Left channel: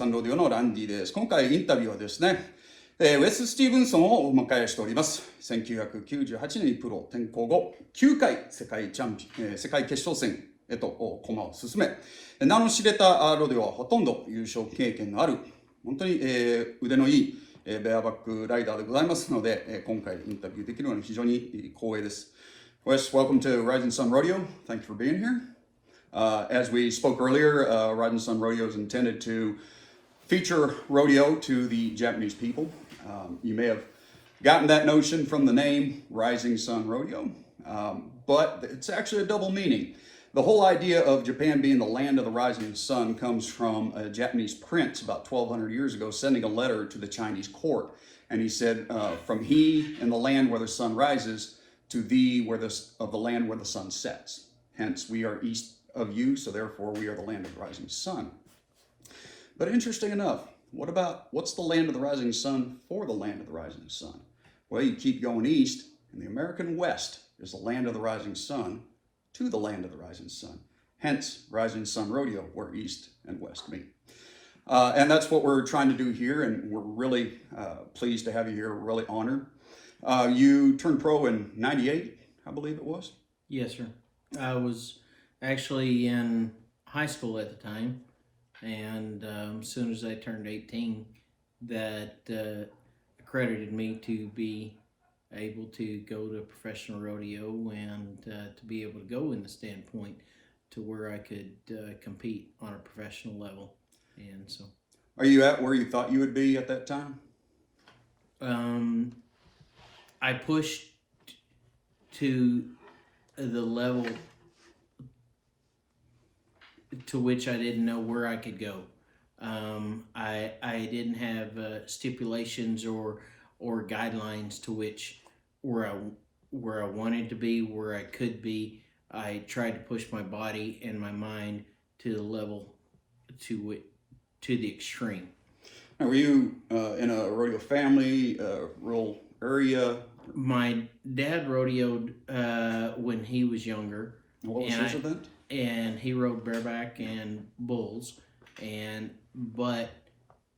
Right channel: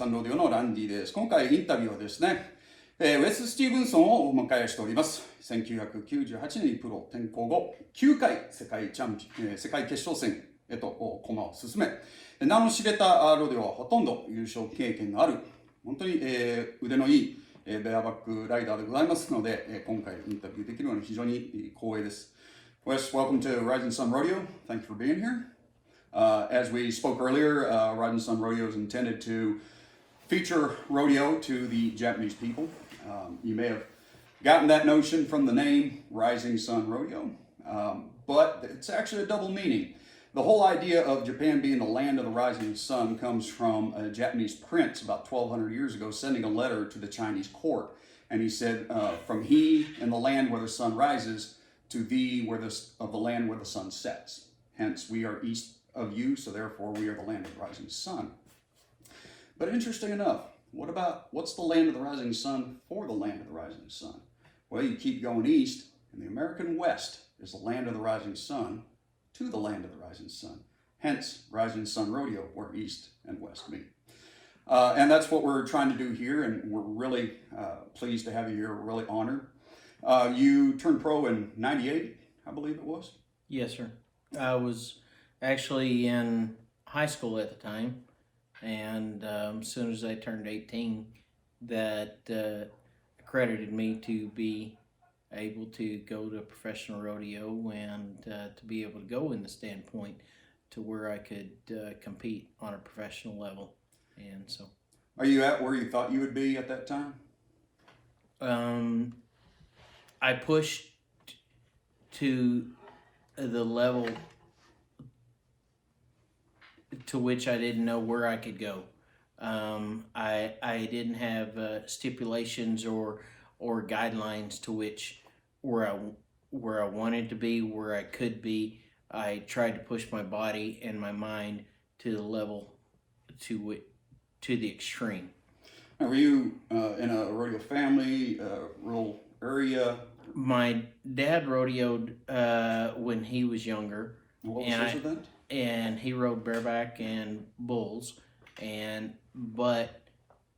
サンロディオのランディです。今回インタビューはですね、ウェス・スティーブンソンをお迎えしております。1998年にプロ転向後、9回世界決勝戦へと駒を進め、名の知れたロデオはほとんど優勝経験のある、本当に腕のいいベアバックライダーでございますので、今回インタビューできるのは非常に光栄です。Wes, welcome to Rising Sun Rodeo. Thanks for being here. As we spoke earlier, Rising Sun Rodeo is intended to feature rodeo to the Japanese people. You may have gotten that notion from the name Rising Sun Rodeo, but it's actually a double meaning. The whole idea of Japan being the land of the rising sun comes from a Japanese prince about 1,200 years ago sending a letter to the Chinese court. And he said, from he and the land where the sun rises to thee of the land where the sun sets. Hence, we are east of you, so therefore we are the land of the rising sun. But interesting enough, what's the land of the rising sun for the land of the rising sun? Well, you keep going east, and the American West is the land of the rising sun to the land of the rising sun. Hence, Rising Sun Rodeo, where east and west meet. And that's what we're trying to do here, and we're really pleased to have you here, really honored. You turned pro in 98, I believe it was? Yes, sir. I was actually in high school at the time, and as soon as I turned 18, that accredited me to be able to go to professional rodeo and to be able to go in the standpoint to where I could compete on a professional level. And so, are you at where you thought you would be at that time? I pushed to the level to which I didn't know where I could go. I didn't have stipulations or guidelines to which where I wanted to be, where I could be. I tried to push my body and my mind to the level to the extreme. Now, were you in a rodeo family, rural area? My dad rodeoed when he was younger. What was his event? And he rode bareback and bulls, but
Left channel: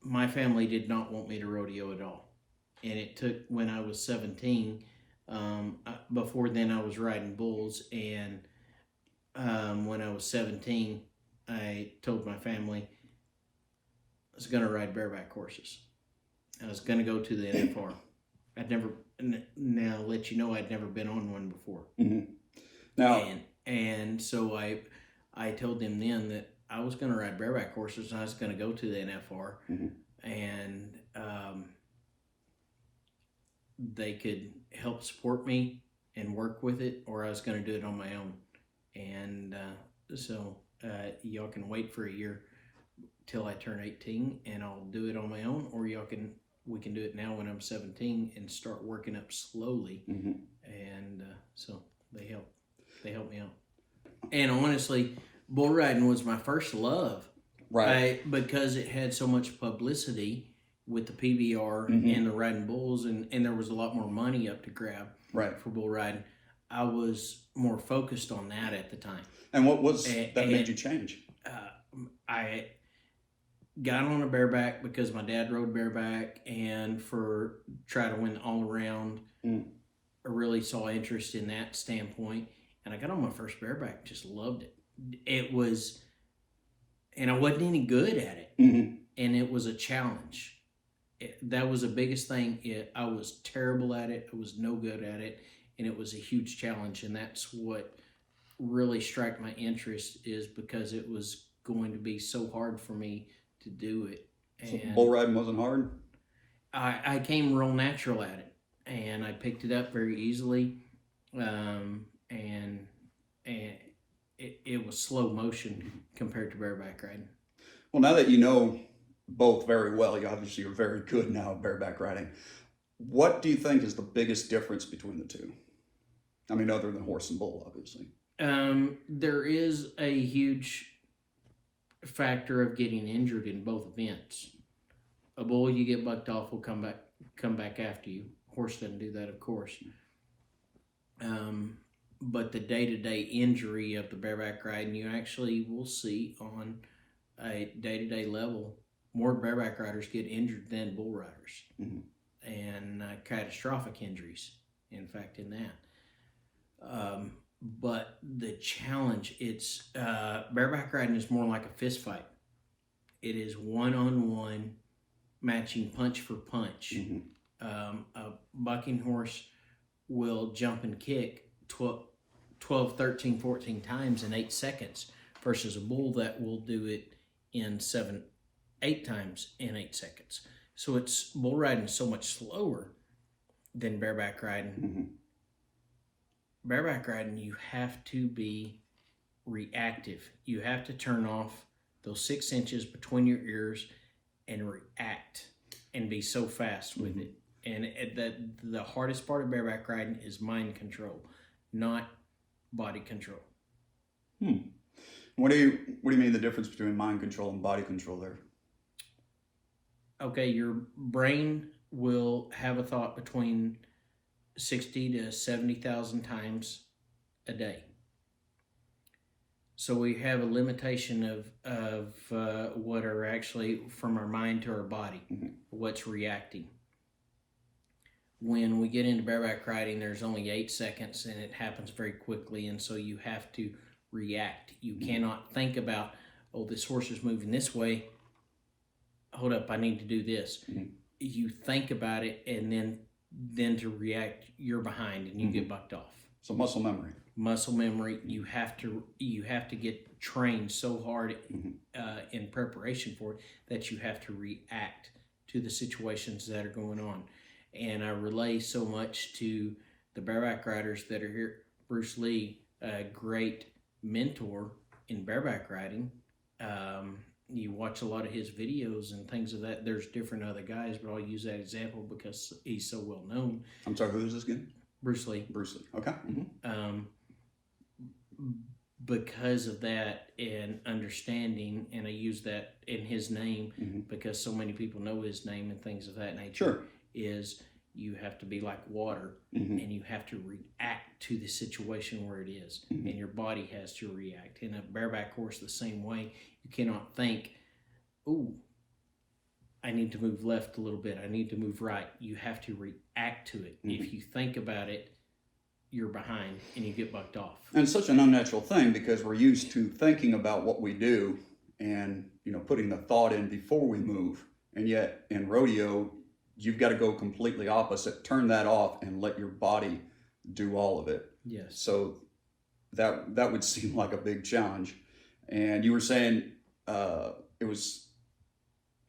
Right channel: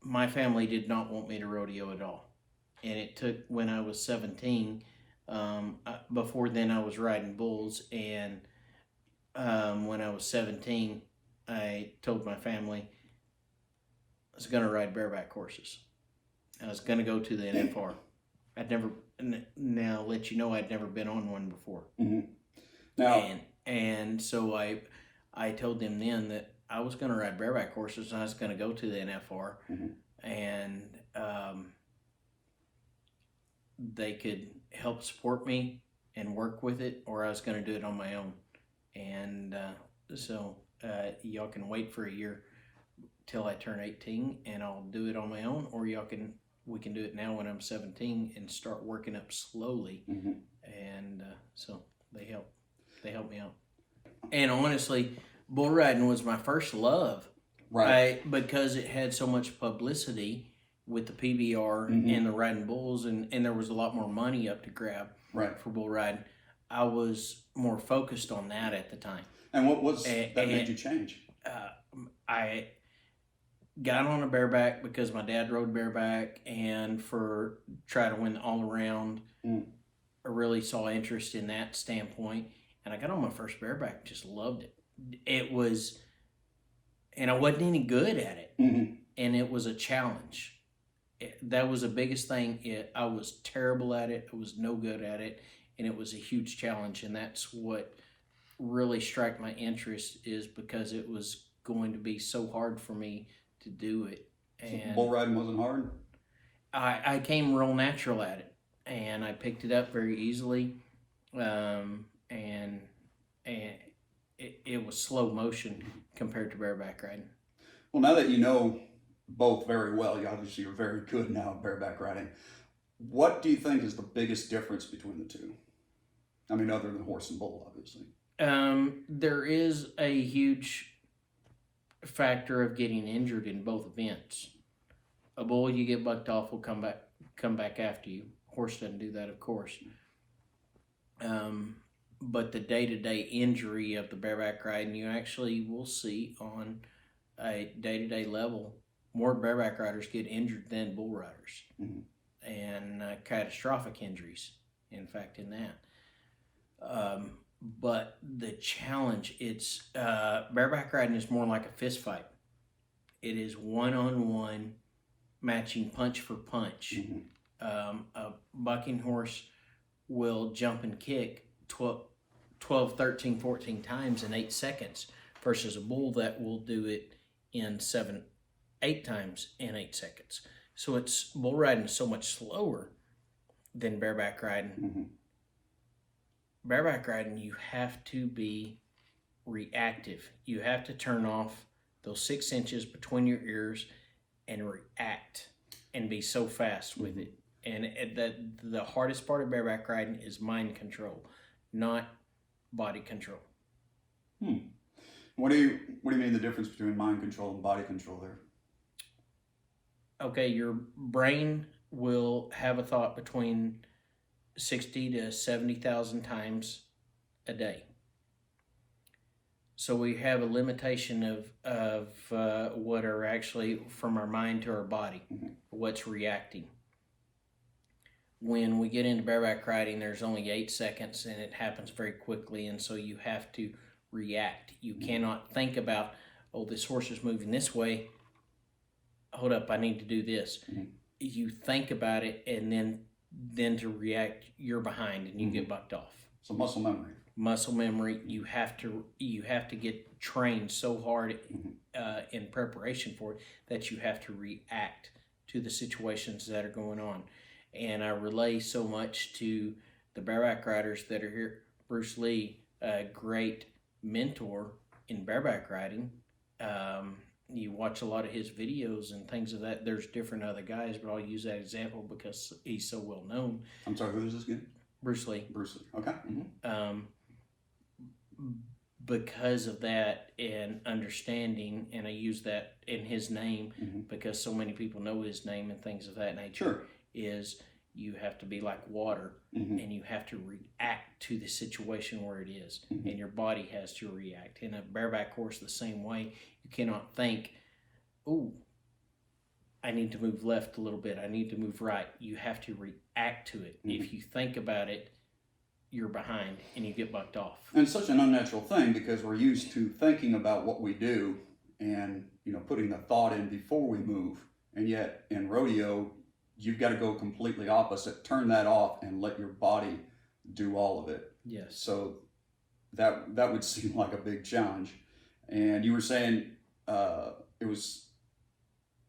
my family did not want me to rodeo at all. And it took when I was 17. Before then, I was riding bulls, and when I was 17, I told my family I was going to ride bareback horses. I was going to go to the NFR. Now I'll let you know I'd never been on one before. Mm-hmm. Now, and so I told them then that I was going to ride bareback horses, and I was going to go to the NFR, mm-hmm. and they could help support me and work with it, or I was going to do it on my own. And so y'all can wait for a year till I turn 18, and I'll do it on my own, or we can do it now when I'm 17 and start working up slowly. Mm-hmm. And so they helped me out. And honestly, bull riding was my first love, right? Because it had so much publicity with the PBR, mm-hmm. and the riding bulls, and there was a lot more money up to grab, right, for bull riding. I was more focused on that at the time. And what was that made you change? I got on a bareback because my dad rode bareback, and try to win all around. I really saw interest in that standpoint, and I got on my first bareback, just loved it. It was, and I wasn't any good at it, mm-hmm. and it was a challenge. That was the biggest thing. I was terrible at it. I was no good at it, and it was a huge challenge, and that's what really struck my interest, is because it was going to be so hard for me to do it. And so bull riding wasn't hard? I came real natural at it, and I picked it up very easily, and it was slow motion compared to bareback riding. Well, now that you know both very well, you're very good now at bareback riding. What do you think is the biggest difference between the two? I mean, other than horse and bull, obviously. There is a huge factor of getting injured in both events. A bull, you get bucked off, will come back after you. Horse doesn't do that, of course. But the day-to-day injury of the bareback riding, you actually will see on a day-to-day level more bareback riders get injured than bull riders, and catastrophic injuries, in fact, in that. But the challenge, it's bareback riding is more like a fist fight. It is one-on-one matching punch for punch. A bucking horse will jump and kick 12, 13, 14 times in 8 seconds versus a bull that will do it in 7, 8 times in 8 seconds. So it's bull riding is so much slower than bareback riding. Bareback riding, you have to be reactive. You have to turn off those 6 inches between your ears and react and be so fast with it. And the hardest part of bareback riding is mind control, not body control. What do you mean the difference between mind control and body control there? Okay, your brain will have a thought between 60 to 70,000 times a day. So we have a limitation of what are actually from our mind to our body, what's reacting. When we get into bareback riding, there's only 8 seconds and it happens very quickly, and so you have to react. You cannot think about, oh, this horse is moving this way. Hold up, I need to do this. You think about it, and then to react, you're behind and you get bucked off. So muscle memory. Muscle memory. You have to get trained so hard in preparation for it that you have to react to the situations that are going on. And I relay so much to the bareback riders that are here. Bruce Lee, a great mentor in bareback riding. You watch a lot of his videos and things of that. There's different other guys, but I'll use that example because he's so well known. I'm sorry, who is this again? Bruce Lee. Bruce Lee, okay. Because of that and understanding, and I use that in his name because so many people know his name and things of that nature, is you have to be like water and you have to react to the situation where it is, and your body has to react. In a bareback horse, the same way. You cannot think, ooh, I need to move left a little bit, I need to move right. You have to react to it. If you think about it, you're behind and you get bucked off. And it's such an unnatural thing because we're used to thinking about what we do and putting the thought in before we move. And yet in rodeo, you've got to go completely opposite, turn that off and let your body do all of it. Yes. So that would seem like a big challenge. And you were saying it was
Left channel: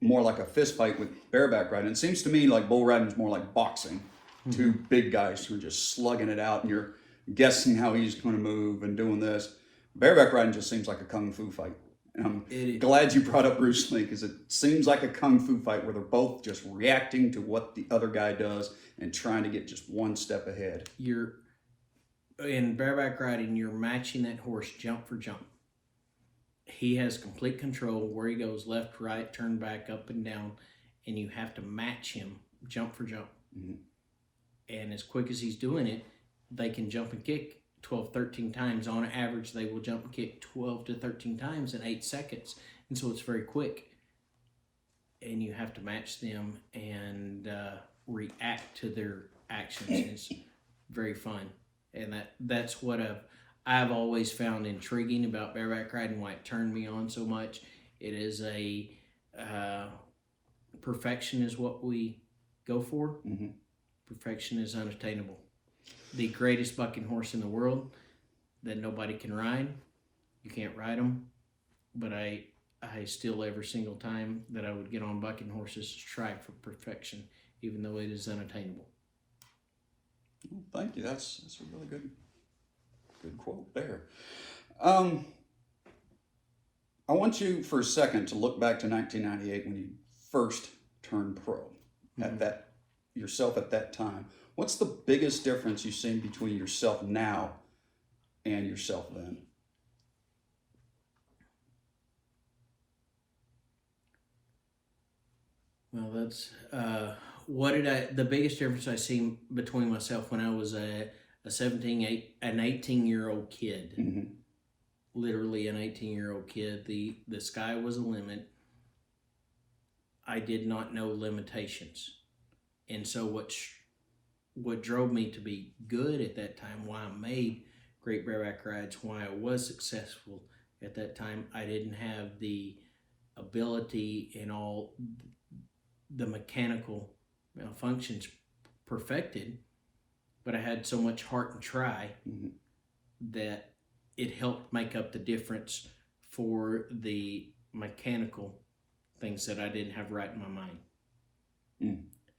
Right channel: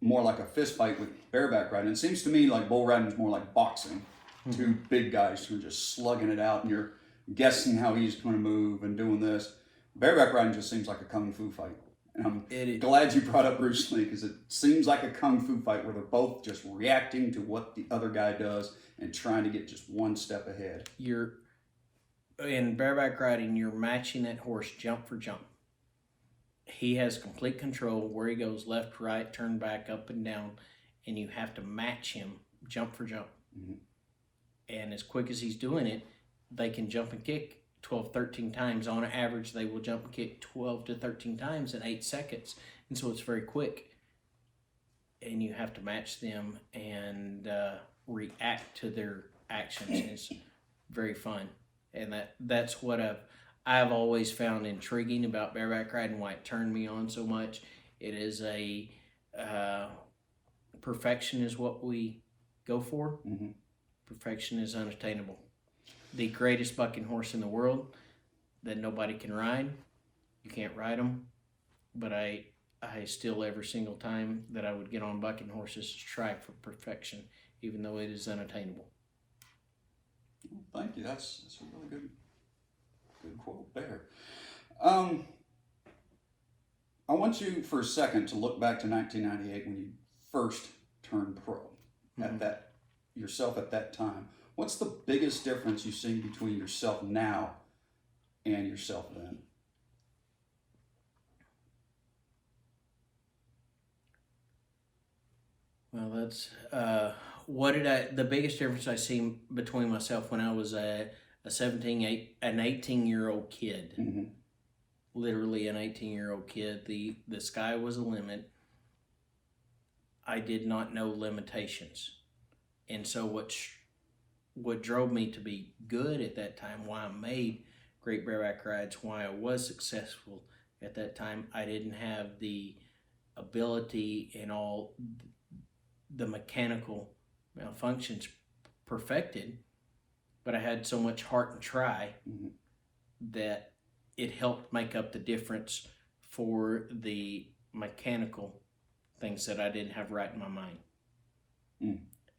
more like a fist fight with bareback riding. It seems to me like bull riding is more like boxing. Two big guys who are just slugging it out, and you're guessing how he's going to move and doing this. Bareback riding just seems like a kung fu fight. And I'm glad you brought up Bruce Lee because it seems like a kung fu fight where they're both just reacting to what the other guy does and trying to get just one step ahead. In bareback riding, you're matching that horse jump for jump. He has complete control where he goes left, right, turn back, up and down, and you have to match him jump for jump. And as quick as he's doing it, they can jump and kick 12, 13 times. On average, they will jump and kick 12 to 13 times in 8 seconds. And so it's very quick. And you have to match them and react to their actions. It's very fun. And that's what I've always found intriguing about bareback riding, why it turned me on so much. It is perfection is what we go for. Perfection is unattainable. The greatest bucking horse in the world that nobody can ride. You can't ride them, but I still every single time that I would get on bucking horses strive for perfection, even though it is unattainable. Thank you. That's a really good quote there. I want you for a second to look back to 1998 when you first turned pro. At that time. What's the biggest difference you've seen between yourself now and yourself then? Well, that's the biggest difference I seen between myself when I was an 18-year-old kid. Literally an 18-year-old kid. The sky was a limit. I did not know limitations. And so what drove me to be good at that time, why I made great bareback rides, why I was successful at that time, I didn't have the ability and all the mechanical functions perfected, but I had so much heart and try that it helped make up the difference for the mechanical things that I didn't have right in my mind.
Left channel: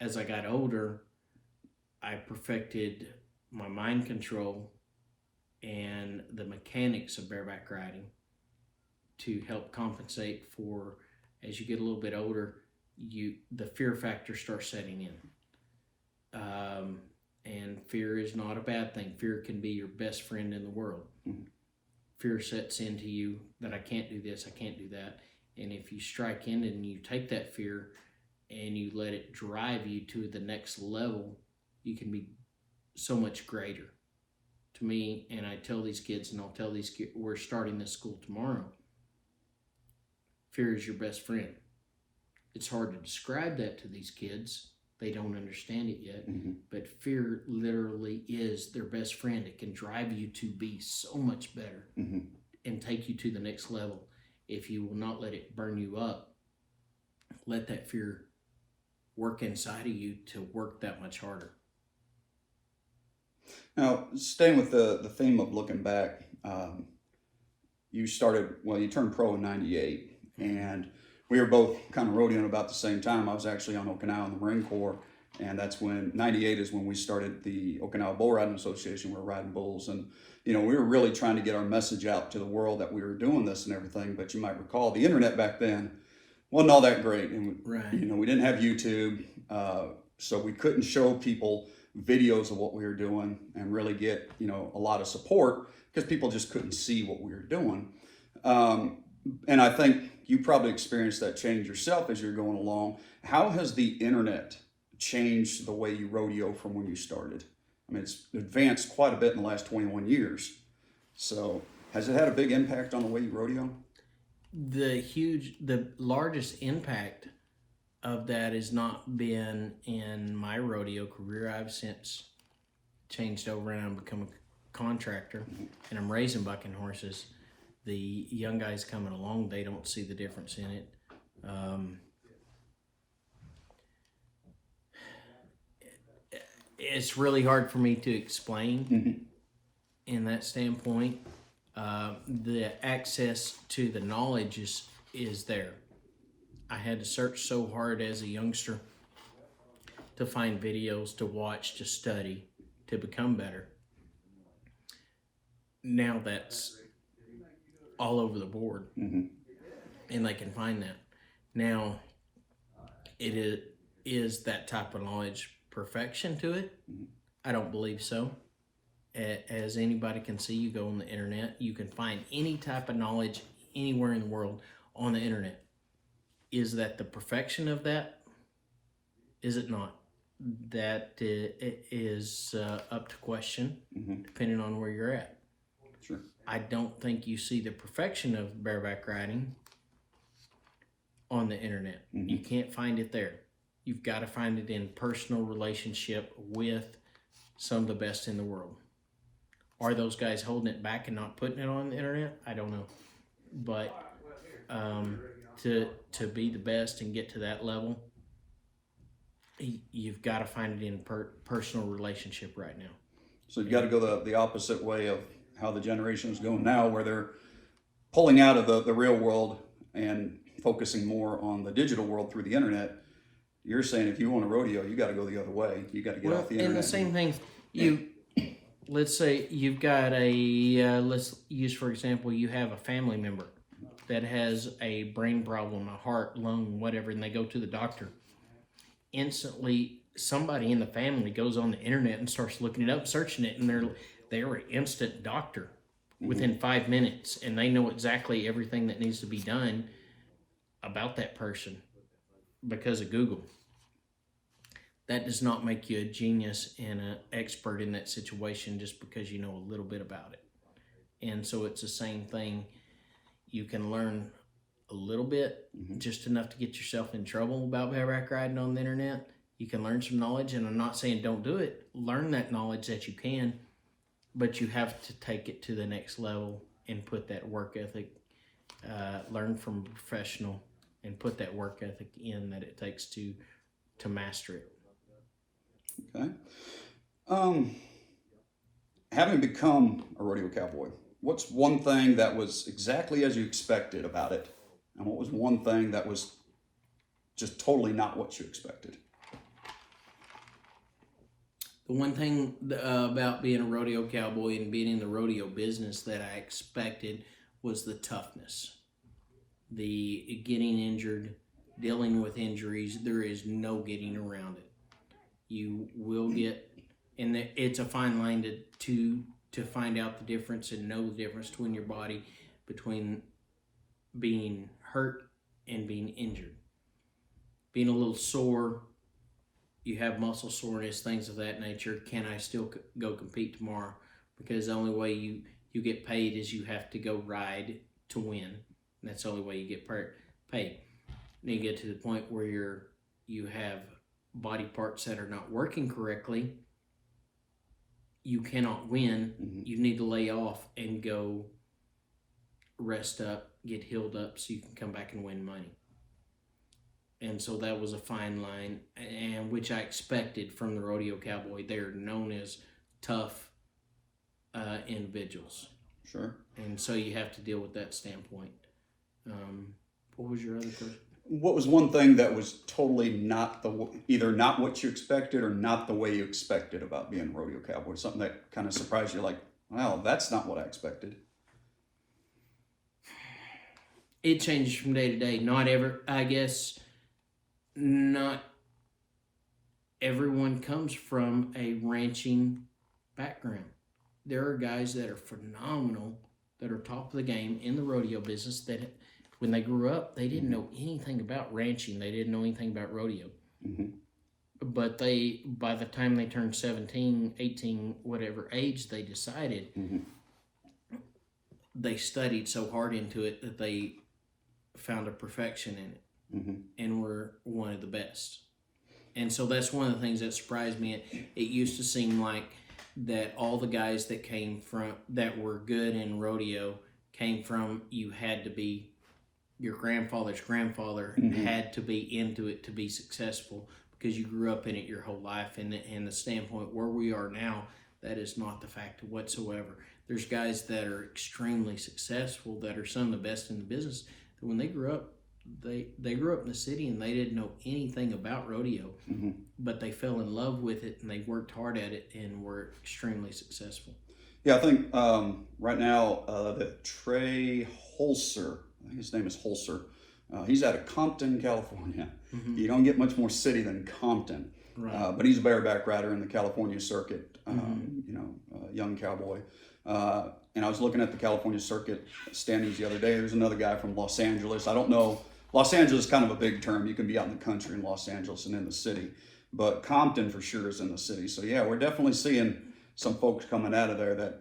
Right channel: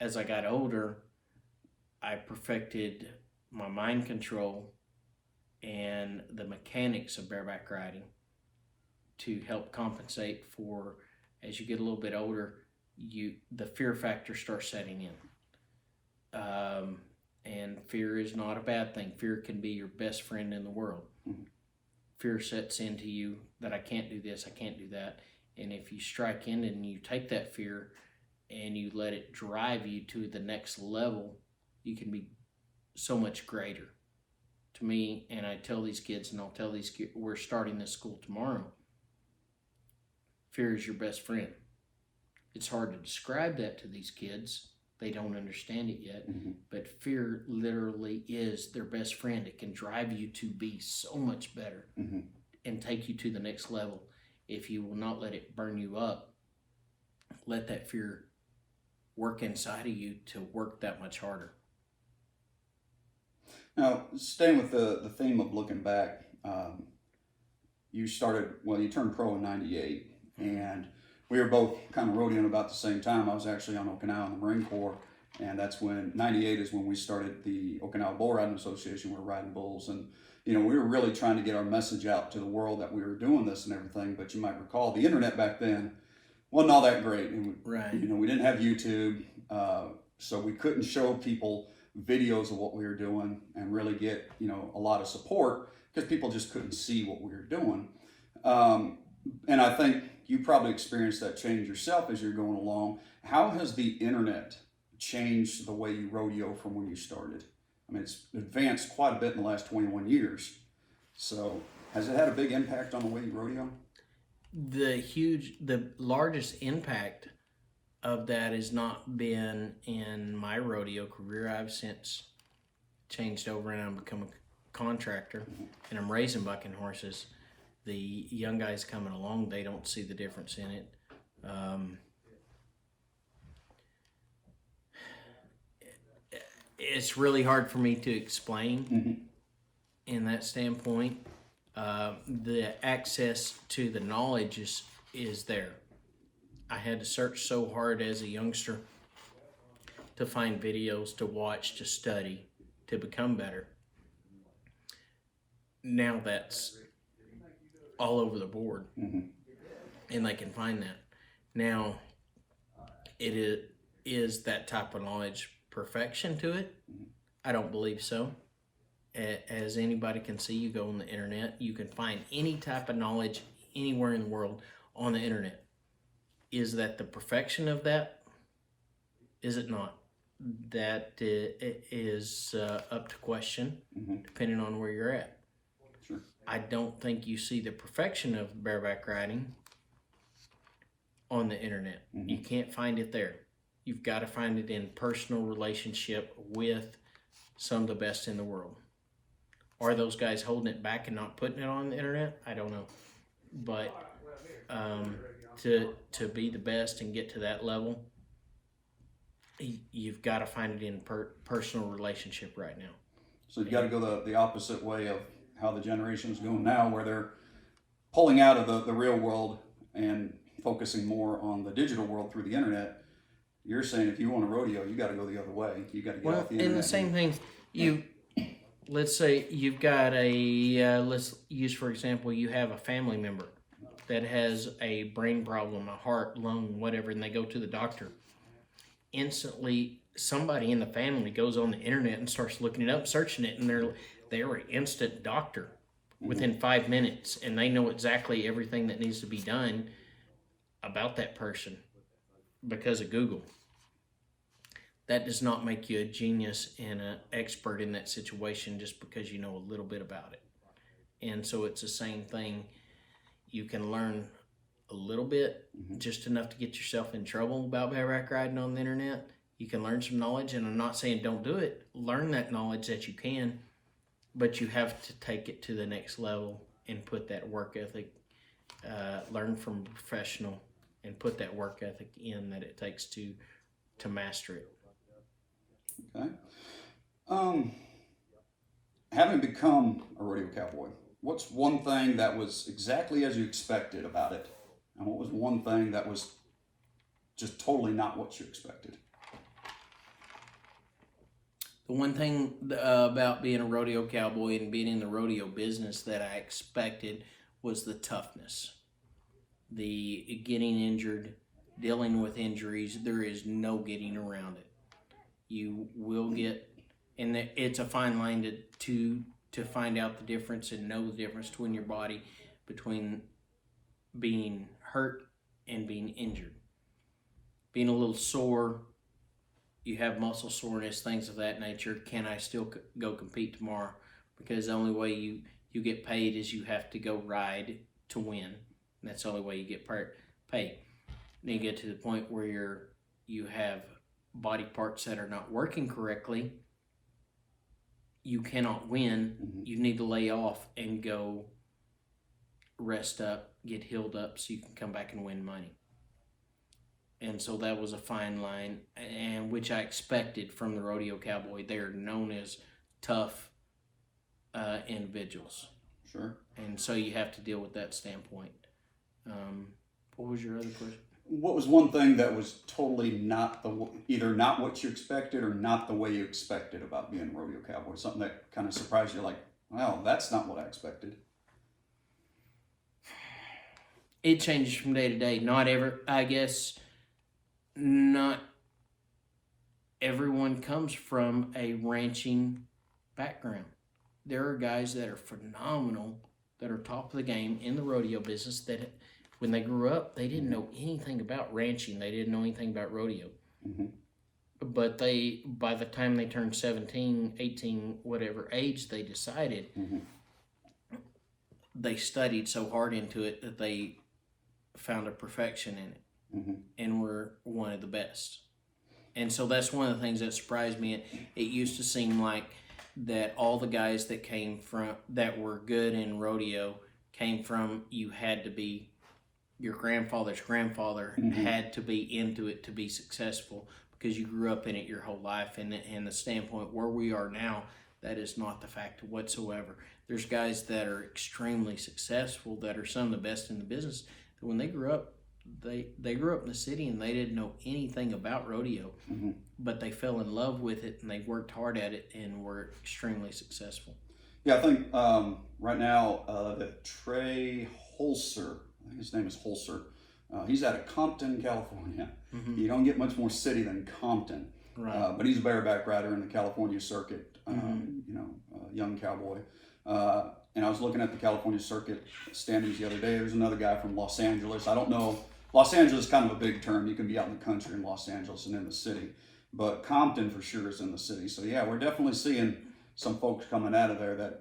As I got older, I perfected my mind control and the mechanics of bareback riding to help compensate for, as you get a little bit older, the fear factor starts setting in. And fear is not a bad thing. Fear can be your best friend in the world. Fear sets into you that I can't do this, I can't do that. And if you strike in and you take that fear and you let it drive you to the next level, you can be so much greater. To me, and I tell these kids, and I'll tell these kids, we're starting this school tomorrow, fear is your best friend. It's hard to describe that to these kids. They don't understand it yet, but fear literally is their best friend. It can drive you to be so much better and take you to the next level. If you will not let it burn you up, let that fear work inside of you to work that much harder. Now, staying with the theme of looking back, you turned pro in 98, and we were both kind of rodeoing about the same time. I was actually on Okinawa in the Marine Corps, and that's when, 98 is when we started the Okinawa Bull Riding Association. We're riding bulls, and we were really trying to get our message out to the world that we were doing this and everything. But you might recall the internet back then wasn't all that great, and we didn't have YouTube, so we couldn't show people videos of what we were doing and really get a lot of support because people just couldn't see what we were doing. And I think you probably experienced that change yourself as you're going along. How has the internet changed the way you rodeo from when you started? I mean, it's advanced quite a bit in the last 21 years. So has it had a big impact on the way you rodeo? The largest impact of that has not been in my rodeo career. I've since changed over and I've become a contractor, and I'm raising bucking horses. The young guys coming along, they don't see the difference in it. It's really hard for me to explain in that standpoint. The access to the knowledge is there. I had to search so hard as a youngster to find videos to watch, to study, to become better. Now that's all over the board, and they can find that. Now, is that type of knowledge perfection to it? I don't believe so. As anybody can see, you go on the internet, you can find any type of knowledge anywhere in the world on the internet. Is that the perfection of that? Is it not? That is up to question, depending on where you're at. Sure. I don't think you see the perfection of bareback riding on the internet. You can't find it there. You've got to find it in personal relationship with some of the best in the world. Are those guys holding it back and not putting it on the internet? I don't know. But to be the best and get to that level, you've got to find it in personal relationship right now. So you've got to go the opposite way of how the generations go now, where they're pulling out of the real world and focusing more on the digital world through the internet. You're saying if you want a rodeo, you got to go the other way. You got to get off the internet. And the same thing, let's say you've got let's use for example, you have a family member that has a brain problem, a heart, lung, whatever, and they go to the doctor. Instantly, somebody in the family goes on the internet and starts looking it up, searching it, and they're an instant doctor within 5 minutes, and they know exactly everything that needs to be done about that person because of Google. That does not make you a genius and an expert in that situation just because you know a little bit about it. And so it's the same thing. You can learn a little bit, just enough to get yourself in trouble about bareback riding on the internet. You can learn some knowledge, and I'm not saying don't do it. Learn that knowledge that you can, but you have to take it to the next level and put that work ethic, learn from a professional, and put that work ethic in that it takes to master it. Okay. Having become a rodeo cowboy, what's one thing that was exactly as you expected about it? And what was one thing that was just totally not what you expected? The one thing about being a rodeo cowboy and being in the rodeo business that I expected was the toughness. The getting injured, dealing with injuries, there is no getting around it. You will get, and it's a fine line to find out the difference and know the difference between your body, between being hurt and being injured. Being a little sore, you have muscle soreness, things of that nature. Can I still go compete tomorrow? Because the only way you get paid is you have to go ride to win. And that's the only way you get paid. Then you get to the point where you have body parts that are not working correctly. You cannot win. You need to lay off and go rest up, get healed up so you can come back and win money. And so that was a fine line, and which I expected from the rodeo cowboy. They're known as tough individuals. Sure. And so you have to deal with that standpoint. What was your other question? What was one thing that was totally either not what you expected or not the way you expected about being a rodeo cowboy? Something that kind of surprised you, like, wow, that's not what I expected. It changes from day to day. Not everyone comes from a ranching background. There are guys that are phenomenal, that are top of the game in the rodeo business, that when they grew up, they didn't know anything about ranching. They didn't know anything about rodeo. But by the time they turned 17, 18, whatever age they decided, they studied so hard into it that they found a perfection in it. And were one of the best. And so that's one of the things that surprised me. It used to seem like that all the guys that were good in rodeo came from, you had to be, your grandfather's grandfather had to be into it to be successful because you grew up in it your whole life. And the standpoint where we are now, that is not the fact whatsoever. There's guys that are extremely successful, that are some of the best in the business, that when they grew up, they grew up in the city and they didn't know anything about rodeo, but they fell in love with it and they worked hard at it and were extremely successful. Yeah, I think right now that Trey Holzer, I think his name is Holzer, he's out of Compton, California. You don't get much more city than Compton, right? But he's a bareback rider in the California circuit, young cowboy. And I was looking at the California circuit standings the other day. There's another guy from Los Angeles. I don't know. Los Angeles is kind of a big term. You can be out in the country in Los Angeles and in the city. But Compton for sure is in the city. So yeah, we're definitely seeing some folks coming out of there that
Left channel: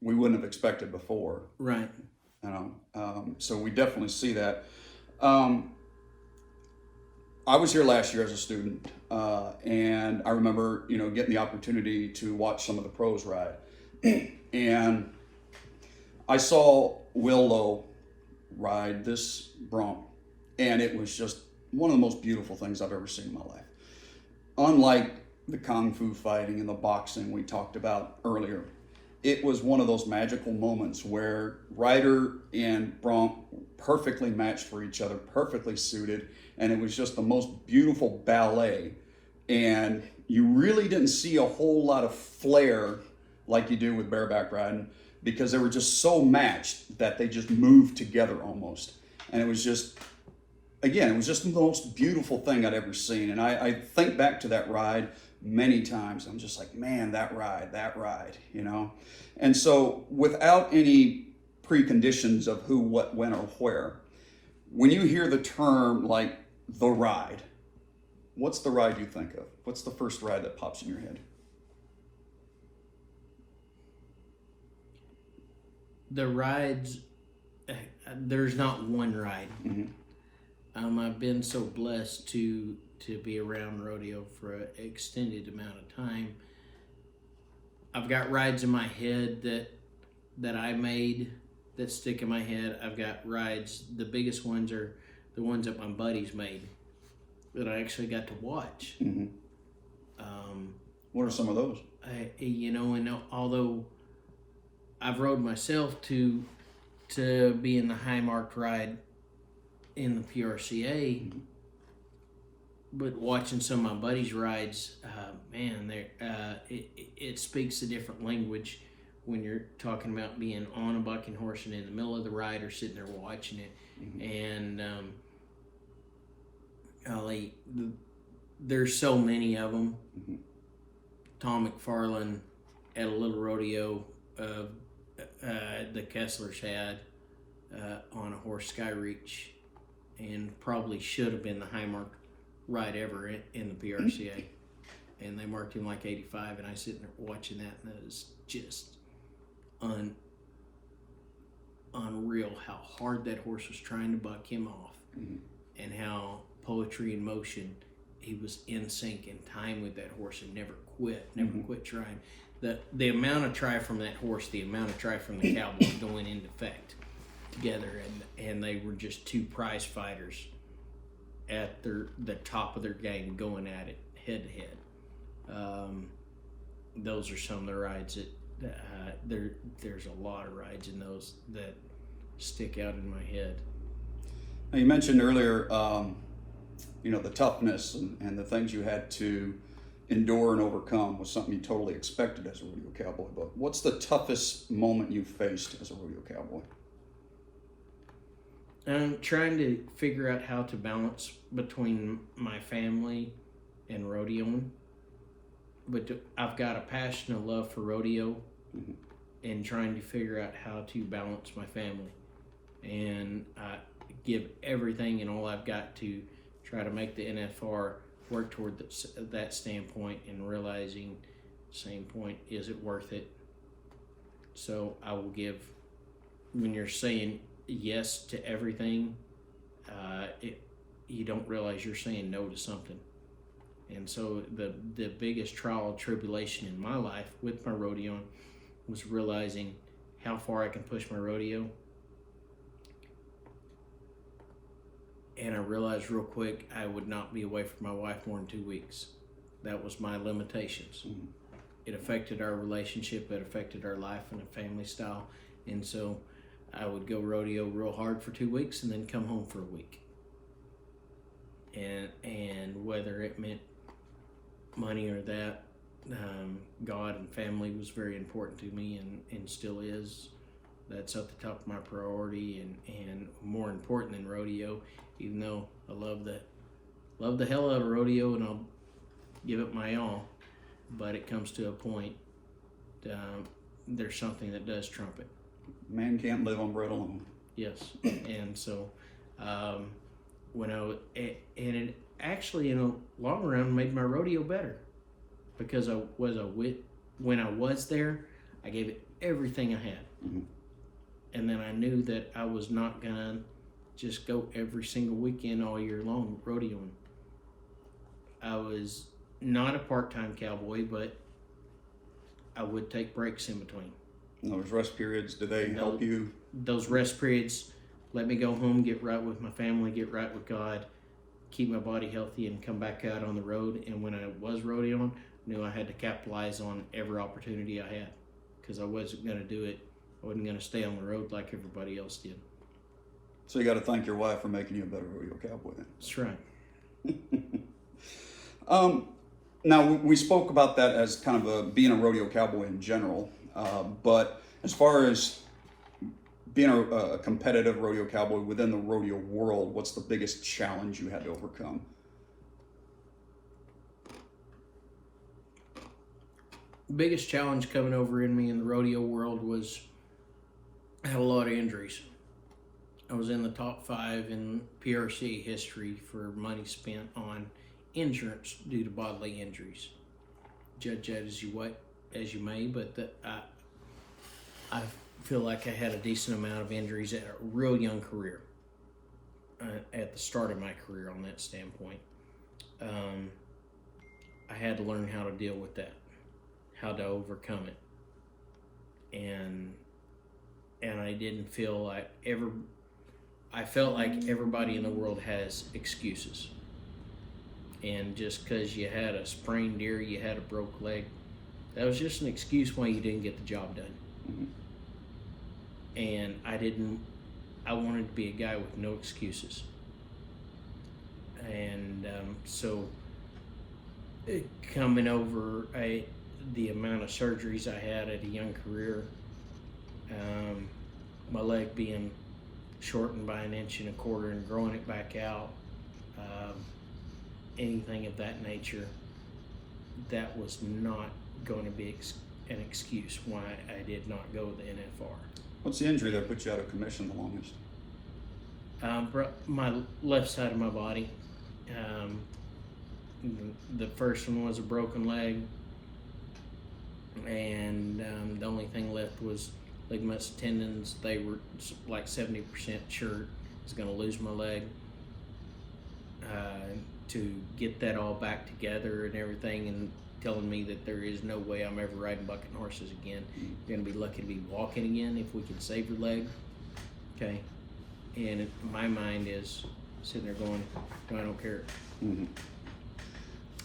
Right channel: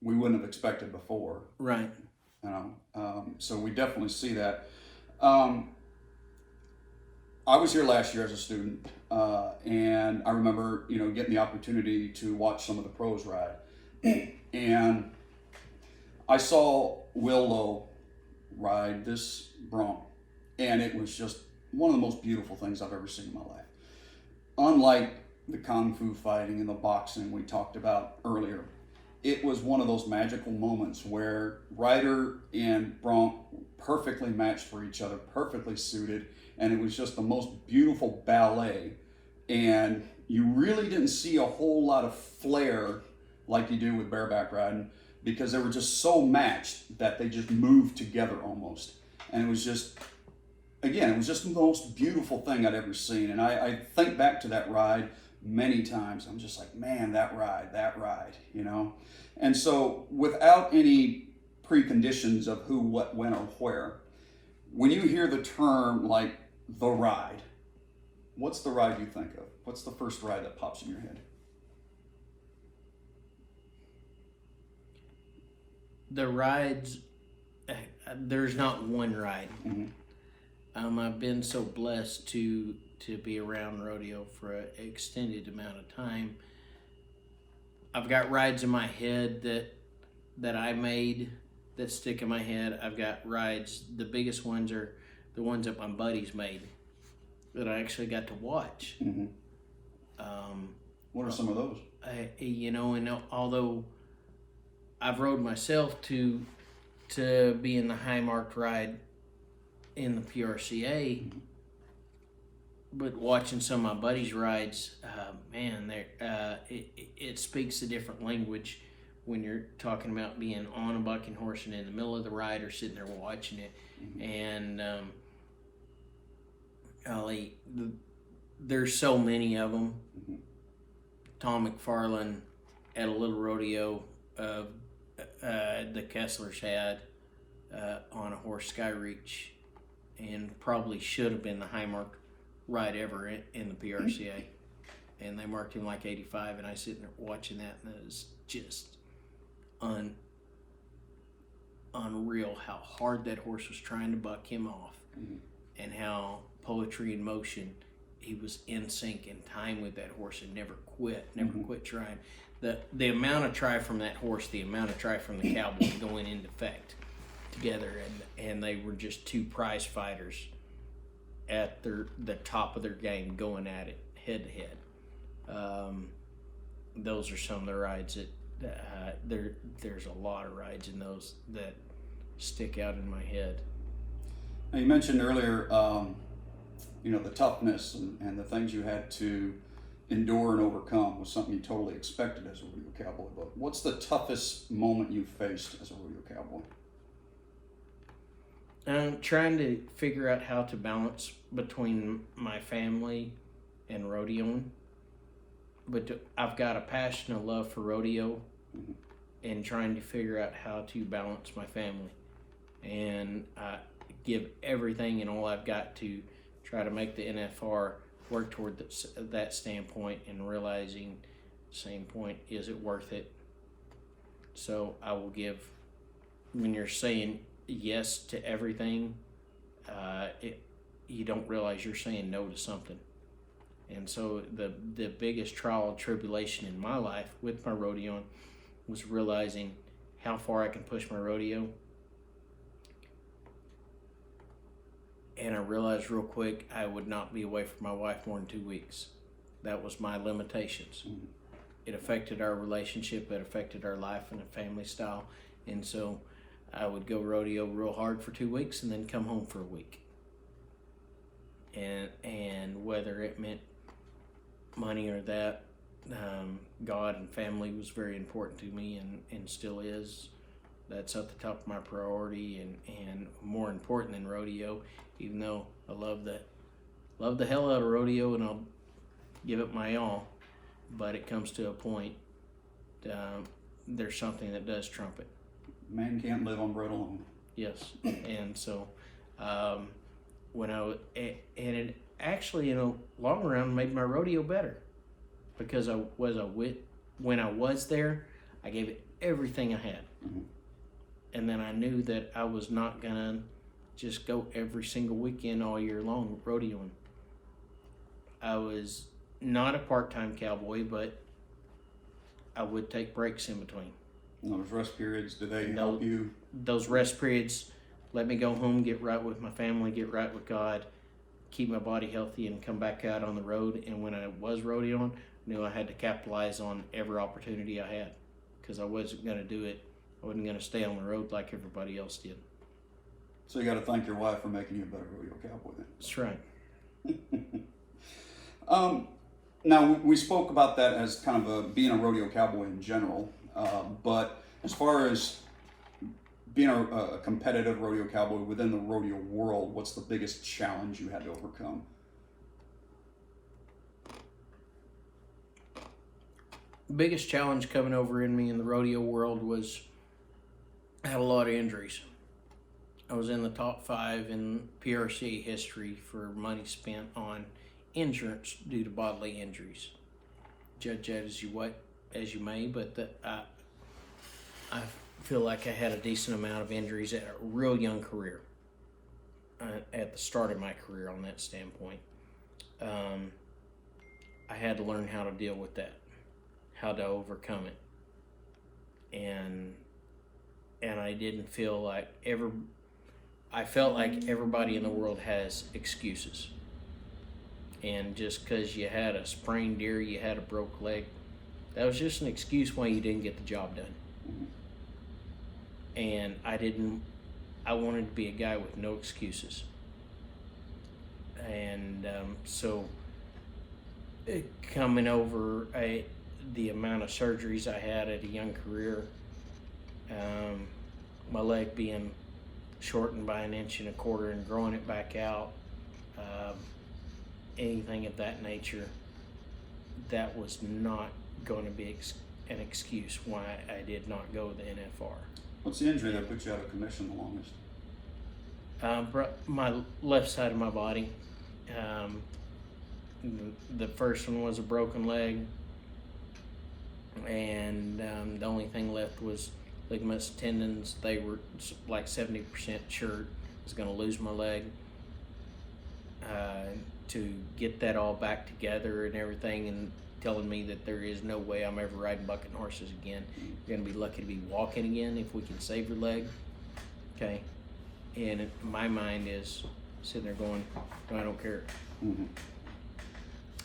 we wouldn't have expected before. Right. So we definitely see that. I was here last year as a student, and I remember, getting the opportunity to watch some of the pros ride. And I saw Will Lowe ride this bronc, and it was just one of the most beautiful things I've ever seen in my life. Unlike the kung fu fighting and the boxing we talked about earlier, it was one of those magical moments where rider and bronc perfectly matched for each other, perfectly suited, and it was just the most beautiful ballet. And you really didn't see a whole lot of flair like you do with bareback riding, because they were just so matched that they just moved together almost. And it was just the most beautiful thing I'd ever seen. And I think back to that ride many times. I'm just like, man, that ride, And so without any preconditions of who, what, when, or where, when you hear the term like the ride, what's the ride you think of? What's the first ride that pops in your head? The rides there's not one ride. Mm-hmm. I've been so blessed to be around rodeo for an extended amount of time. I've got rides in my head that I made that stick in my head. I've got rides. The biggest ones are the ones that my buddies made that I actually got to watch. Mm-hmm. What are some of those? And although I've rode myself to be in the high marked ride in the PRCA, Mm-hmm. but watching some of my buddies' rides, man, it speaks a different language when you're talking about being on a bucking horse and in the middle of the ride or sitting there watching it. Mm-hmm. And there's so many of them. Mm-hmm. Tom McFarland at a little rodeo the Kesslers had on a horse Skyreach, and probably should have been the high mark ride ever in the PRCA. And they marked him like 85, and I sitting there watching that, and it was just unreal how hard that horse was trying to buck him off. Mm-hmm. And how poetry in motion, he was in sync in time with that horse and never quit trying. The amount of try from that horse, the amount of try from the cowboy going into effect together, and they were just two prize fighters at the top of their game, going at it head to head. Those are some of the rides that there's a lot of rides in those that stick out in my head. Now, you mentioned earlier, the toughness and the things you had to endure and overcome was something you totally expected as a rodeo cowboy. But what's the toughest moment you faced as a rodeo cowboy? Trying to figure out how to balance between my family and rodeoing. But I've got a passion, a love for rodeo, Mm-hmm. and trying to figure out how to balance my family. And I give everything and all I've got to try to make the NFR work toward that standpoint, and realizing, same point, is it worth it? So I will give, when you're saying yes to everything, you don't realize you're saying no to something. And so the biggest trial and tribulation in my life with my rodeoing was realizing how far I can push my rodeo. And I realized real quick I would not be away from my wife more than 2 weeks. That was my limitations. Mm-hmm. It affected our relationship, it affected our life and the family style. And so I would go rodeo real hard for 2 weeks and then come home for a week. And whether it meant money or that, God and family was very important to me, and still is. That's at the top of my priority, and more important than rodeo, even though I love the hell out of rodeo and I'll give it my all. But it comes to a point, there's something that does trump it. Man can't live on bread alone. Yes. And so and it actually, in a long run, made my rodeo better, because when I was there, I gave it everything I had. Mm-hmm. And then I knew that I was not gonna just go every single weekend all year long rodeoing. I was not a part-time cowboy, but I would take breaks in between. And those rest periods, do they help you? Those rest periods let me go home, get right with my family, get right with God, keep my body healthy, and come back out on the road. And when I was rodeoing, I knew I had to capitalize on every opportunity I had, because I wasn't going to do it. I wasn't going to stay on the road like everybody else did. So you got to thank your wife for making you a better rodeo cowboy then. That's right. Now, we spoke about that as kind of being a rodeo cowboy in general, but as far as being a competitive rodeo cowboy within the rodeo world, what's the biggest challenge you had to overcome? The biggest challenge coming over in me in the rodeo world was I had a lot of injuries. I was in the top 5 in PRCA history for money spent on insurance due to bodily injuries. Judge that as you may, but feel like I had a decent amount of injuries at a real young career, at the start of my career on that standpoint. I had to learn how to deal with that, how to overcome it. And I didn't feel like I felt like everybody in the world has excuses. And just because you had a sprained ear, you had a broke leg, that was just an excuse why you didn't get the job done. And I wanted to be a guy with no excuses. And so coming over the amount of surgeries I had at a young career, my leg being shortened by 1.25 inches and growing it back out, anything of that nature, that was not going to be an excuse why I did not go to the NFR. What's the injury that put you out of commission the longest? My left side of my body. The first one was a broken leg, and the only thing left was ligaments, tendons. They were like 70% sure I was going to lose my leg. To get that all back together and everything, and telling me that there is no way I'm ever riding bucking horses again. You're going to be lucky to be walking again if we can save your leg. Okay. And my mind is sitting there going, no, I don't care.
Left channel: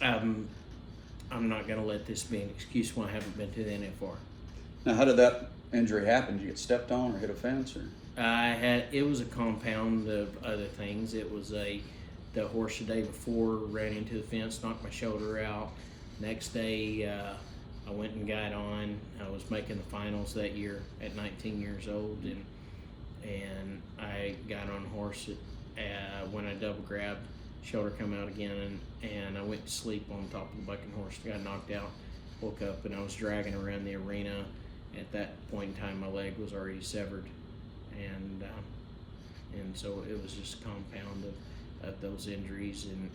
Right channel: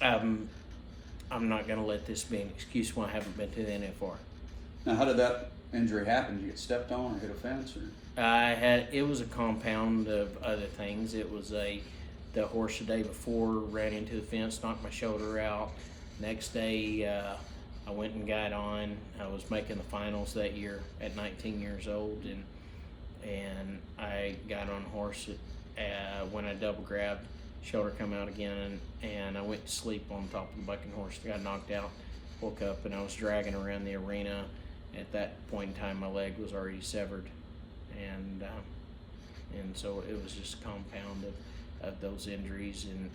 I'm not going to let this be an excuse why I haven't been to the NFR. Now, how did that injury happen? Did you get stepped on or hit a fence? Or? It was a compound of other things. It was the horse the day before ran into the fence, knocked my shoulder out. Next day, I went and got on. I was making the finals that year at 19 years old, and I got on a horse when I double grabbed, shoulder come out again, and I went to sleep on top of the bucking horse. Got knocked out, woke up, and I was dragging around the arena. At that point in time, my leg was already severed, and so it was just a compound of those injuries, and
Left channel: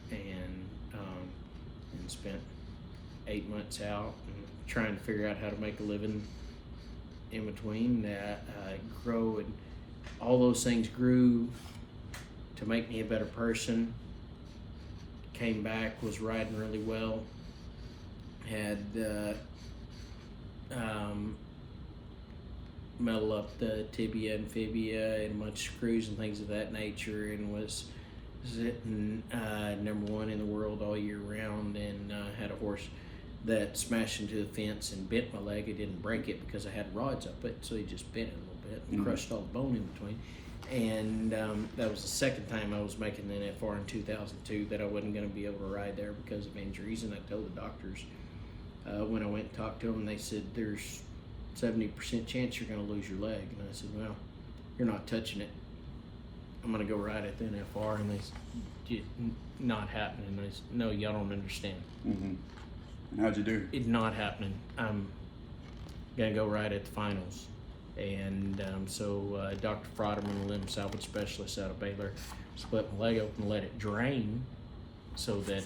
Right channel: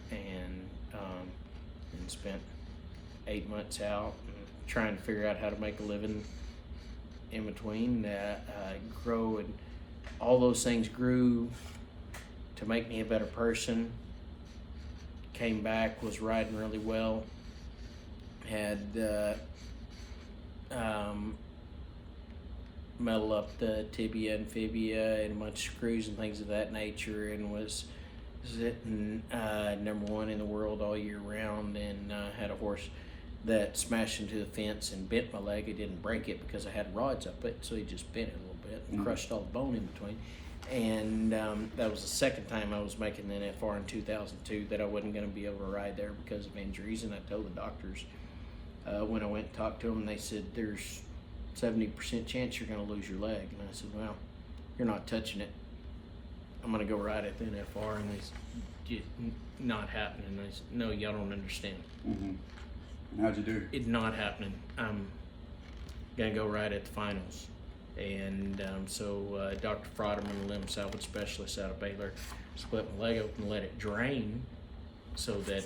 spent 8 months out trying to figure out how to make a living in between, grow, and all those things grew to make me a better person. Came back, was riding really well, had metal up the tibia and fibia and a bunch of screws and things of that nature, and was sitting #1 in the world all year round, and had a horse that smashed into the fence and bent my leg. It didn't break it because I had rods up it, so he just bent it a little bit and crushed all the bone in between. And that was the second time I was making the NFR in 2002 that I wasn't going to be able to ride there because of injuries. And I told the doctors when I went and talked to them, and they said, there's 70% chance you're going to lose your leg. And I said, well, you're not touching it. I'm going to go ride at the NFR. And they said, not happening. And I said, no, y'all don't understand. And how'd you do? It's not happening. I'm going to go ride at the finals. And so Dr. Froderman, a limb salvage specialist out of Baylor, split my leg open, let it drain so that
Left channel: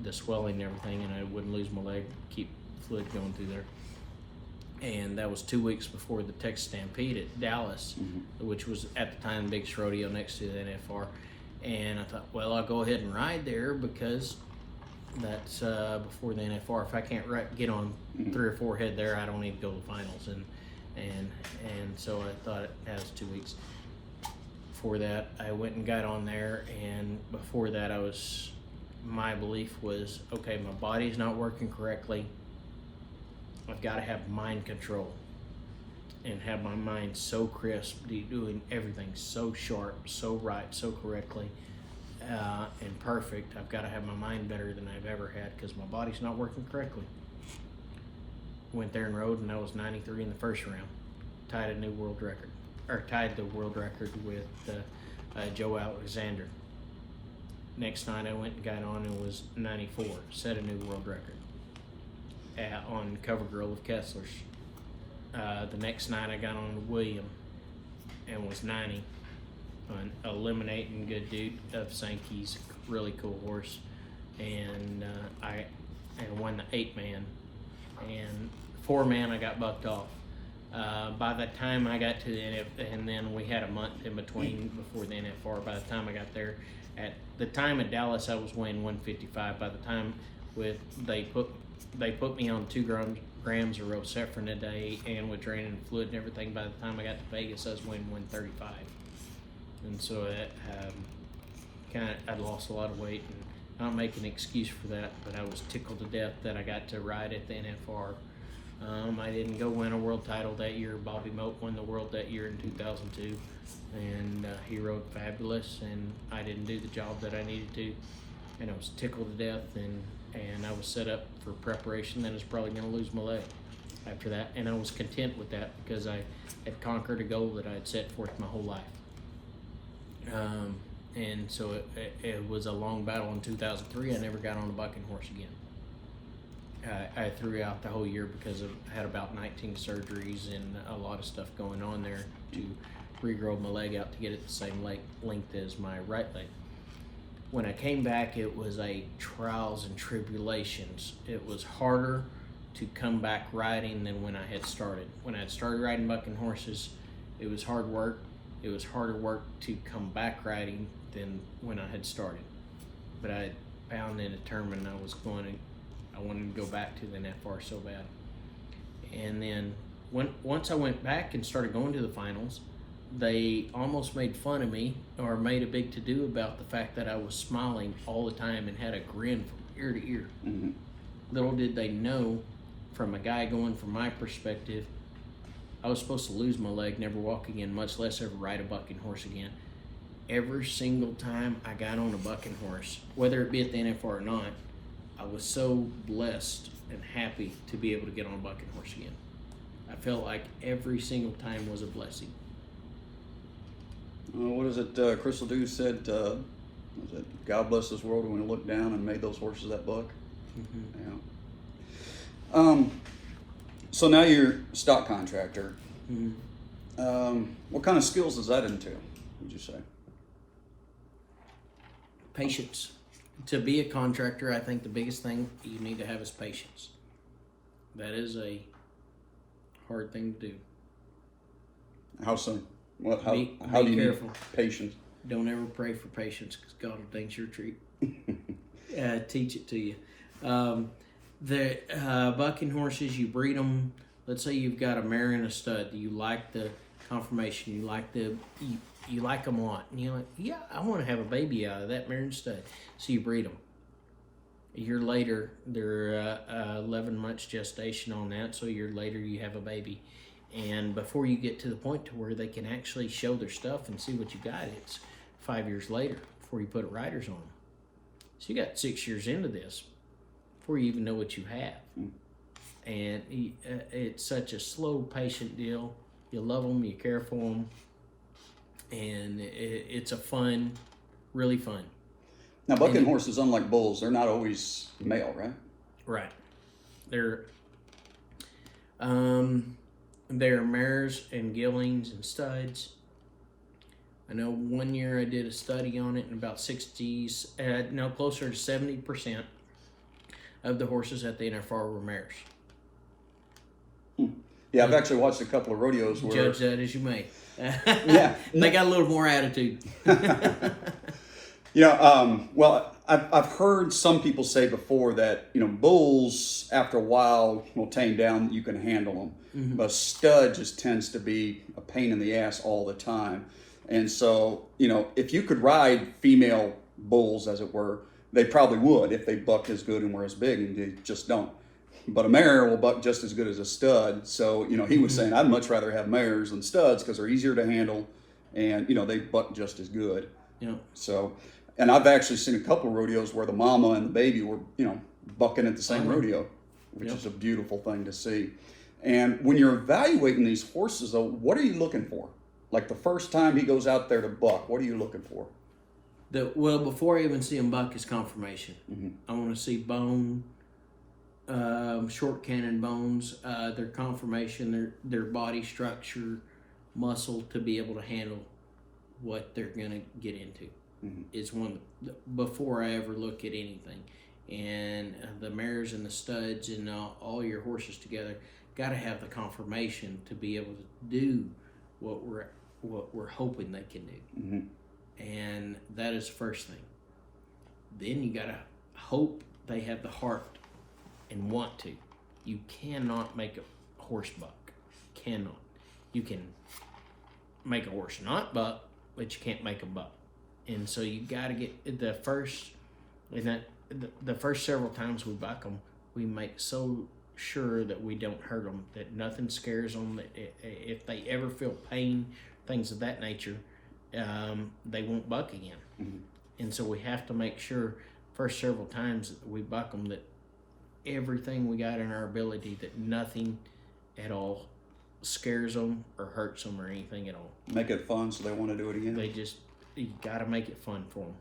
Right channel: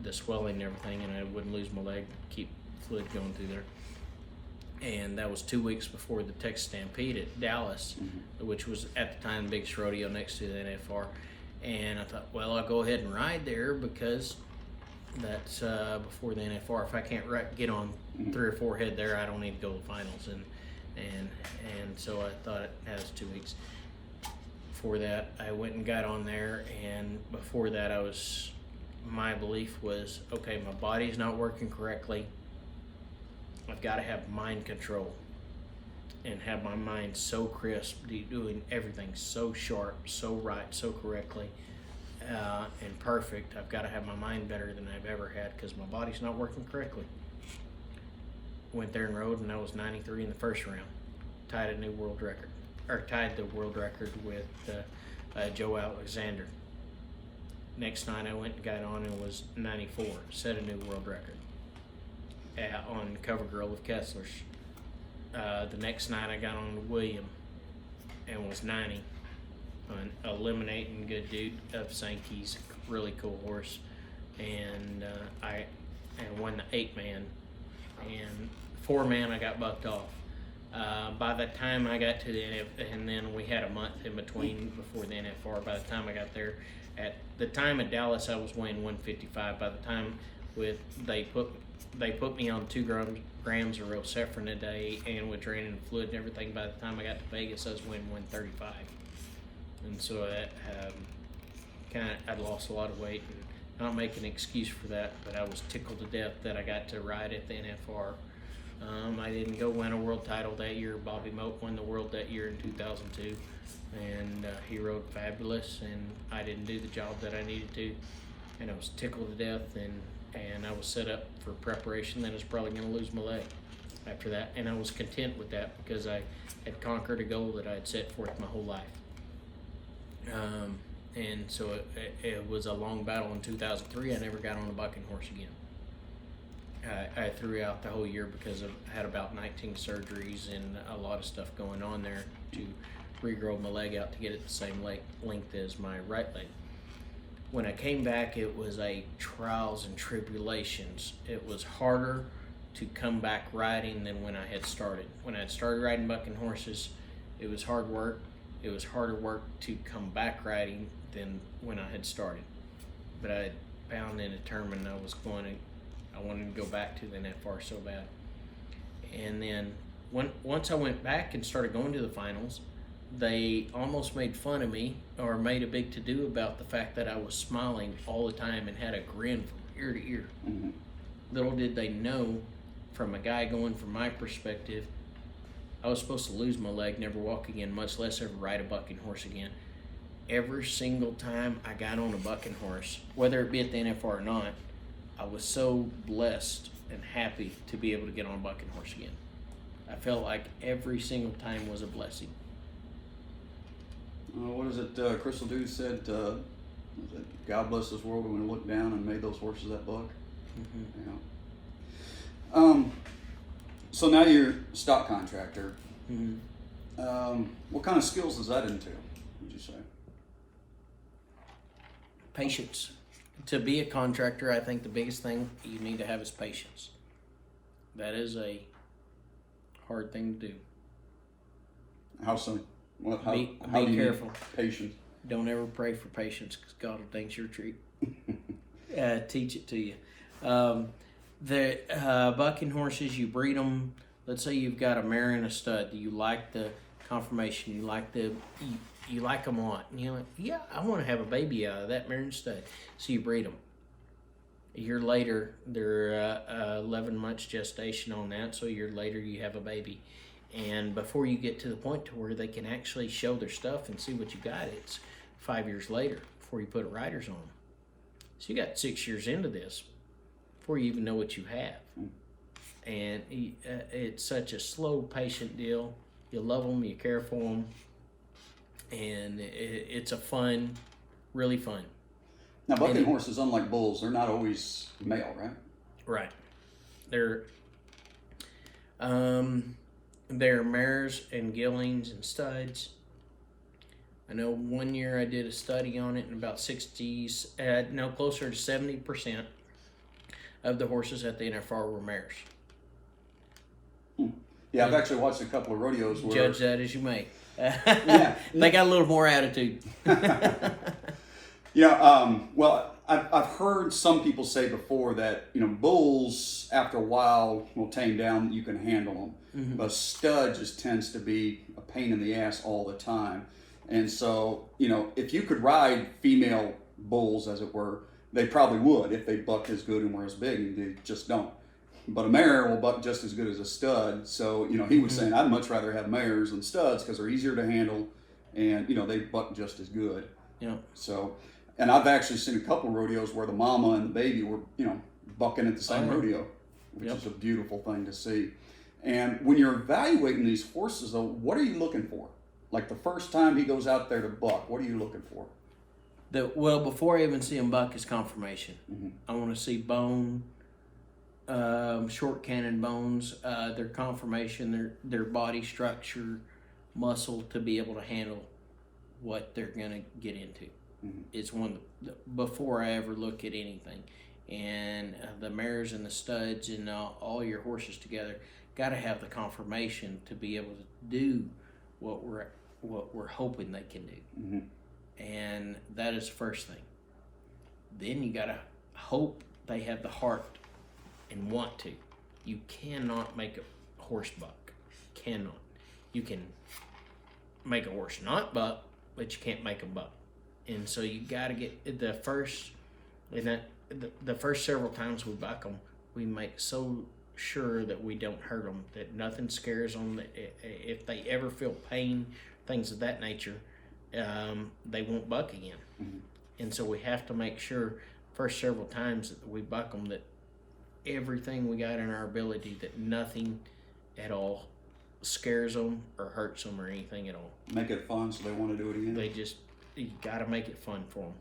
the swelling and everything, and I wouldn't lose my leg, keep fluid going through there. And that was 2 weeks before the Texas Stampede at Dallas, which was at the time the biggest rodeo next to the NFR. And I thought, well, I'll go ahead and ride there because that's before the NFR. If I can't get on 3 or 4 head there, I don't need to go to the finals. And so I thought it has 2 weeks. Before that, I went and got on there, and before that, my belief was, okay, my body's not working correctly. I've got to have mind control and have my mind so crisp, doing everything so sharp, so right, so correctly, and perfect. I've got to have my mind better than I've ever had because my body's not working correctly. Went there and rode, and I was 93 in the first round. Tied the world record with Joe Alexander. Next night I went and got on and was 94, set a new world record on Cover Girl of Kessler's. The next night I got on William and was 90 on Eliminating Good Dude of Sankey's, really cool horse, and I won the 8-man. And 4-man I got bucked off. By the time I got to the NF, and then we had a month in between before the NFR. By the time I got there, at the time at Dallas, I was weighing 155. By the time they put me on 2 grams of Rocephin a day, and with draining and fluid and everything, by the time I got to Vegas, I was weighing 135. And so that I'd lost a lot of weight, and I don't make an excuse for that, but I was tickled to death that I got to ride at the NFR. I didn't go win a world title that year. Bobby Moak won the world that year in 2002, and he rode fabulous, and I didn't do the job that I needed to, and I was tickled to death, and I was set up for preparation that I was probably going to lose my leg after that, and I was content with that because I had conquered a goal that I had set forth my whole life. And so it was a long battle. In 2003, I never got on a bucking horse again. I threw out the whole year because I had about 19 surgeries and a lot of stuff going on there to regrow my leg out to get it the same length as my right leg. When I came back, it was a trials and tribulations. It was harder to come back riding than when I had started. When I had started riding bucking horses, it was hard work. It was harder work to come back riding than when I had started. But I had bound and determined I wanted to go back to the NFR so bad. And then once I went back and started going to the finals, they almost made fun of me or made a big to-do about the fact that I was smiling all the time and had a grin from ear to ear. Mm-hmm. Little did they know, from a guy going from my perspective, I was supposed to lose my leg, never walk again, much less ever ride a bucking horse again. Every single time I got on a bucking horse, whether it be at the NFR or not, I was so blessed and happy to be able to get on a bucking horse again. I felt like every single time was a blessing. What is it Crystal Dew said, God bless this world when we looked down and made those horses that buck? Mm-hmm. Yeah. So now you're a stock contractor. Mm-hmm. What kind of skills does that entail, would you say? Patience. To be a contractor, I think the biggest thing you need to have is patience. That is a hard thing to do. How so? How be do you careful. Patience. Don't ever pray for patience, because God will thanks your treat. Teach it to you. The bucking horses, you breed them. Let's say you've got a mare and a stud. You like the conformation. You like you like them a lot. And you're like, yeah, I want to have a baby out of that mare and stud. So you breed them. A year later, they're 11 months gestation on that. So a year later, you have a baby. And before you get to the point to where they can actually show their stuff and see what you got, it's 5 years later before you put riders on them. So you got 6 years into this before you even know what you have. And it's such a slow, patient deal. You love them, you care for them, and it's a fun, really fun. Now, bucking horses, unlike bulls, they're not always male, right? Right. They're mares and gillings and studs. I know one year I did a study on it, and about closer to 70% of the horses at the NFR were mares. Yeah, I've actually watched a couple of rodeos where... Judge that as you may. Yeah. They got a little more attitude. Well, I've heard some people say before that, bulls, after a while, will tame down, you can handle them. Mm-hmm. But stud just tends to be a pain in the ass all the time. And so, if you could ride female bulls, as it were, they probably would if they bucked as good and were as big, and they just don't. But a mare will buck just as good as a stud. So, he was saying, I'd much rather have mares than studs because they're easier to handle and, they buck just as good. Yeah. So, and I've actually seen a couple of rodeos where the mama and the baby were, bucking at the same rodeo, which is a beautiful thing to see. And when you're evaluating these horses, though, what are you looking for? Like the first time he goes out there to buck, what are you looking for? Before I even see him buck, is confirmation. Mm-hmm. I want to see bone, short cannon bones, their conformation, their body structure, muscle to be able to handle what they're going to get into. Mm-hmm. Is one before I ever look at anything. And the mares and the studs and all your horses together, got to have the confirmation to be able to do what we're hoping they can do. And that is the first thing. Then you got to hope they have the heart and want to. You cannot make a horse buck. Cannot. You can make a horse not buck, but you can't make a buck. And so you got to get the first several times we buck them, we make so sure that we don't hurt them, that nothing scares them, that if they ever feel pain, things of that nature, they won't buck again. And so we have to make sure first several times that we buck them, that everything we got in our ability, that nothing at all scares them or hurts them or anything at all. Make it fun so they want to do it again. You got to make it fun for them.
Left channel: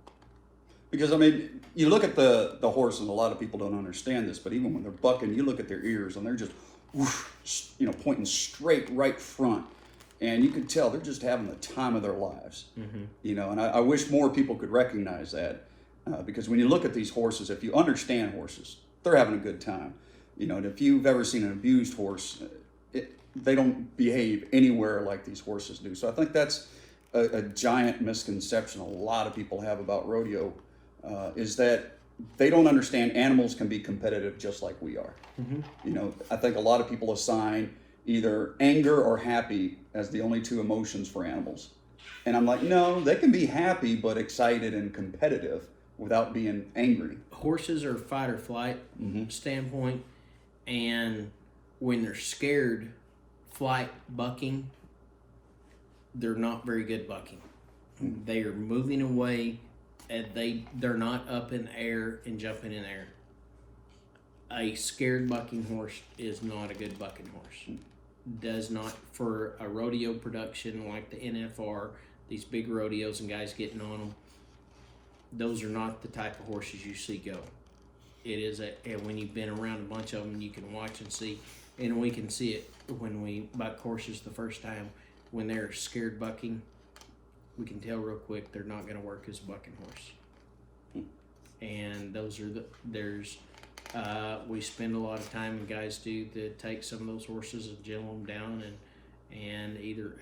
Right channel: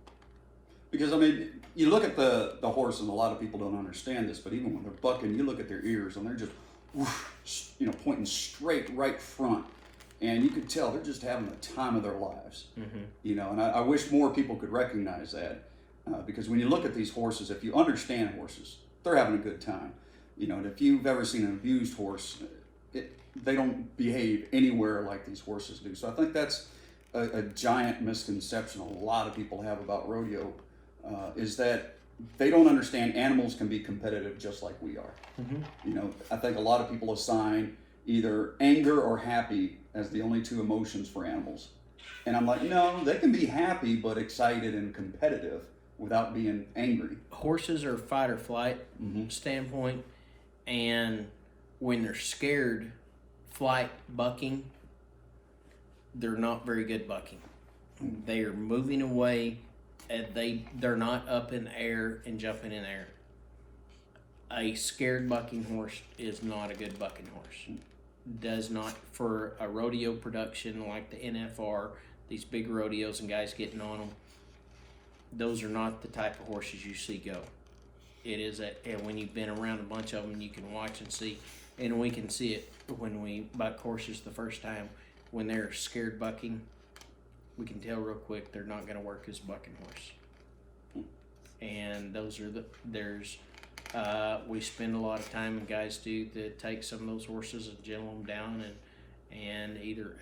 Because, I mean, you look at the horse, and a lot of people don't understand this, but even when they're bucking, you look at their ears, and they're just, whoosh, pointing straight right front. And you can tell they're just having the time of their lives. And I wish more people could recognize that. Because when you look at these horses, if you understand horses, they're having a good time. And if you've ever seen an abused horse, they don't behave anywhere like these horses do. So I think that's a giant misconception a lot of people have about rodeo, is that they don't understand animals can be competitive just like we are. I think a lot of people assign either anger or happy as the only two emotions for animals. And I'm like, no, they can be happy but excited and competitive without being angry. Horses are fight or flight standpoint, and when they're scared, flight bucking, they're not very good bucking. They are moving away, and they're not up in the air and jumping in the air. A scared bucking horse is not a good bucking horse. Does not, for a rodeo production like the NFR, these big rodeos and guys getting on them, those are not the type of horses you see go. It is and when you've been around a bunch of them, you can watch and see, and we can see it when we buck horses the first time. When they're scared bucking, we can tell real quick they're not going to work as a bucking horse. And those are we spend a lot of time, and guys do, to take some of those horses and gentle them down, and either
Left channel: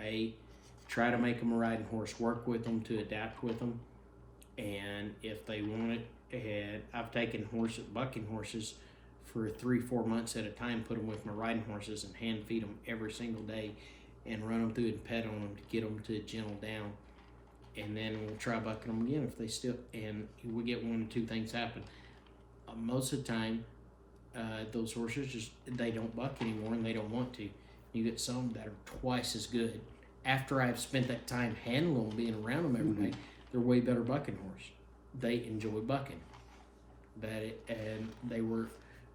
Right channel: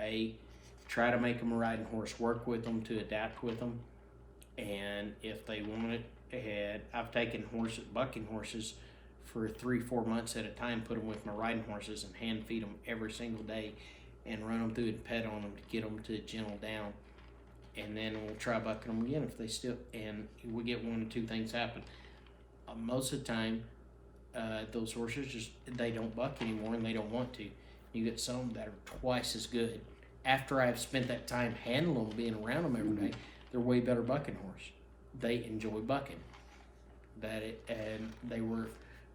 try to make them a riding horse, work with them to adapt with them, and if they want it, and I've taken bucking horses for 3-4 months at a time, put them with my riding horses and hand feed them every single day, and run them through and pet on them to get them to gentle down, and then we'll try bucking them again if they still, and we get one or two things happen. Most of the time, those horses they don't buck anymore, and they don't want to. You get some that are twice as good. After I've spent that time handling them, being around them every day, they're way better bucking horse. They enjoy bucking.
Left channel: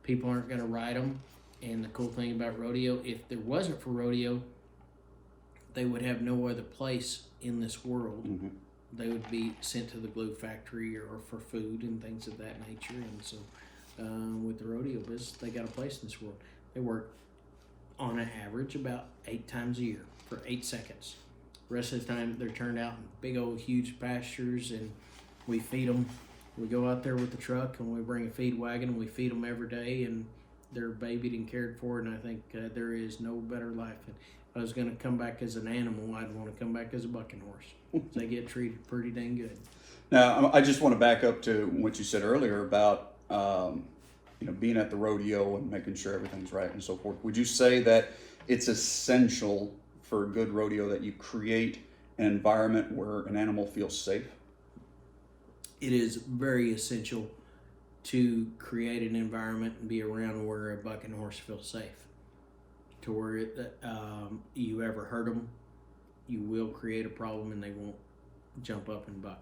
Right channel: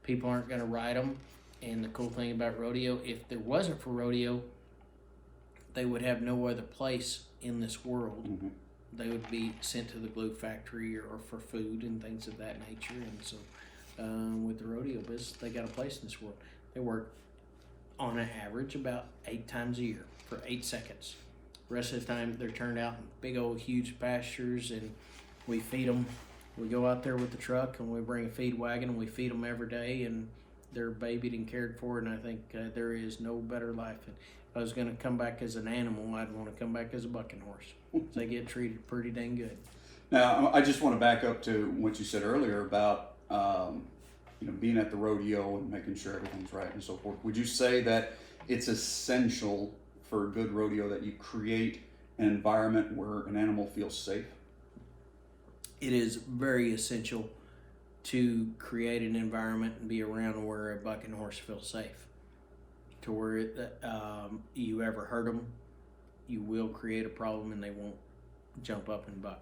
People aren't going to ride them. And the cool thing about rodeo, if there wasn't for rodeo, they would have no other place in this world. They would be sent to the glue factory or for food and things of that nature. And so with the rodeo business, they got a place in this world. They work on an average about 8 times a year for 8 seconds. The rest of the time, they're turned out in big old huge pastures, and we feed them. We go out there with the truck, and we bring a feed wagon, and we feed them every day, and they're babied and cared for. And I think there is no better life. If I was going to come back as an animal, I'd want to come back as a bucking horse. They get treated pretty dang good. Now, I just want to back up to what you said earlier about being at the rodeo and making sure everything's right and so forth. Would you say that it's essential for a good rodeo that you create an environment where an animal feels safe? It is very essential to create an environment and be around where a bucking horse feels safe. To where you ever hurt them, you will create a problem and they won't jump up and buck.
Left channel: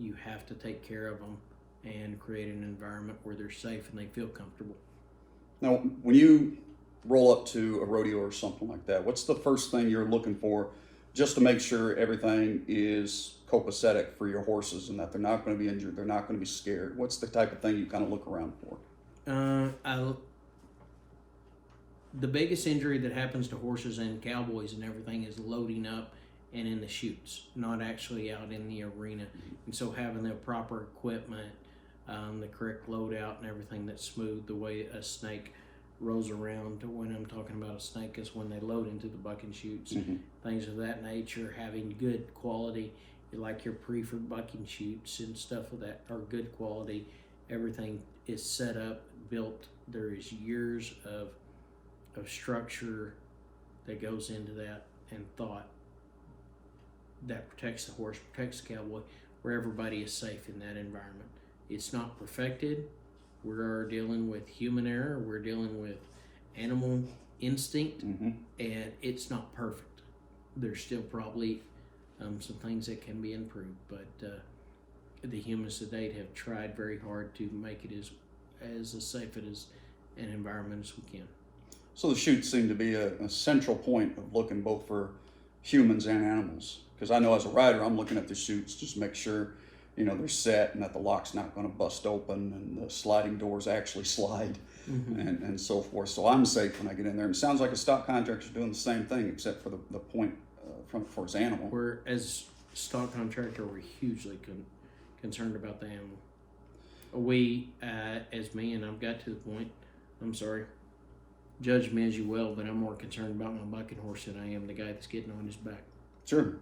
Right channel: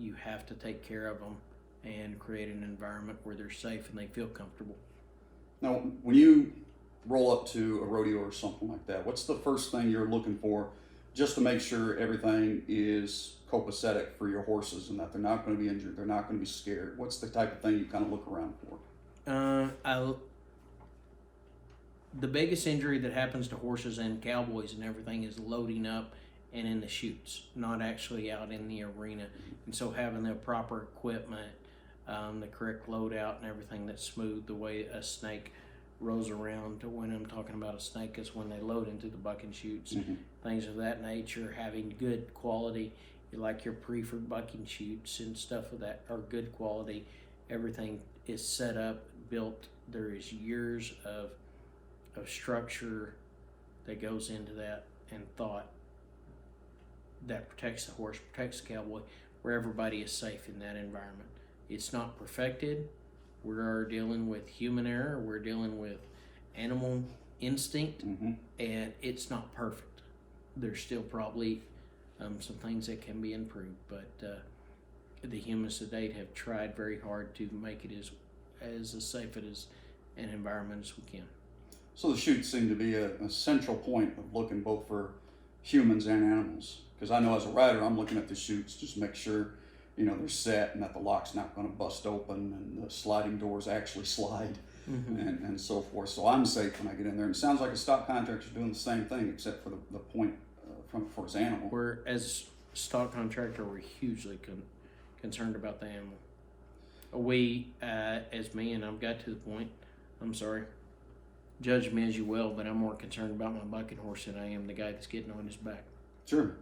You have to take care of them and create an environment where they're safe and they feel comfortable. Now, when you roll up to a rodeo or something like that, what's the first thing you're looking for just to make sure everything is copacetic for your horses and that they're not going to be injured, they're not going to be scared? What's the type of thing you kind of look around for? The biggest injury that happens to horses and cowboys and everything is loading up and in the chutes, not actually out in the arena. And so having the proper equipment, the correct loadout and everything that's smooth, the way a snake rolls around to when I'm talking about a snake is when they load into the bucking chutes, things of that nature, having good quality, like your preferred bucking chutes and stuff of that are good quality. Everything is set up, built. There is years of structure that goes into that and thought that protects the horse, protects the cowboy, where everybody is safe in that environment. It's not perfected. We're dealing with human error. We're dealing with animal instinct, and it's not perfect. There's still probably some things that can be improved, but the humans to date have tried very hard to make it as safe as an environment as we can. So the chutes seem to be a central point of looking both for humans and animals. Because I know as a rider, I'm looking at the chutes just to make sure, you know, they're set and that the lock's not going to bust open and the sliding doors actually slide and so forth. So I'm safe when I get in there. And it sounds like a stock contractor's doing the same thing, except for the point for his animal. We're, as stock contractor, we're hugely concerned about the animal. We, as me, and I've got to the point, I'm sorry, judge me as you will, but I'm more concerned about my bucking horse than I am the guy that's getting on his back. Sure.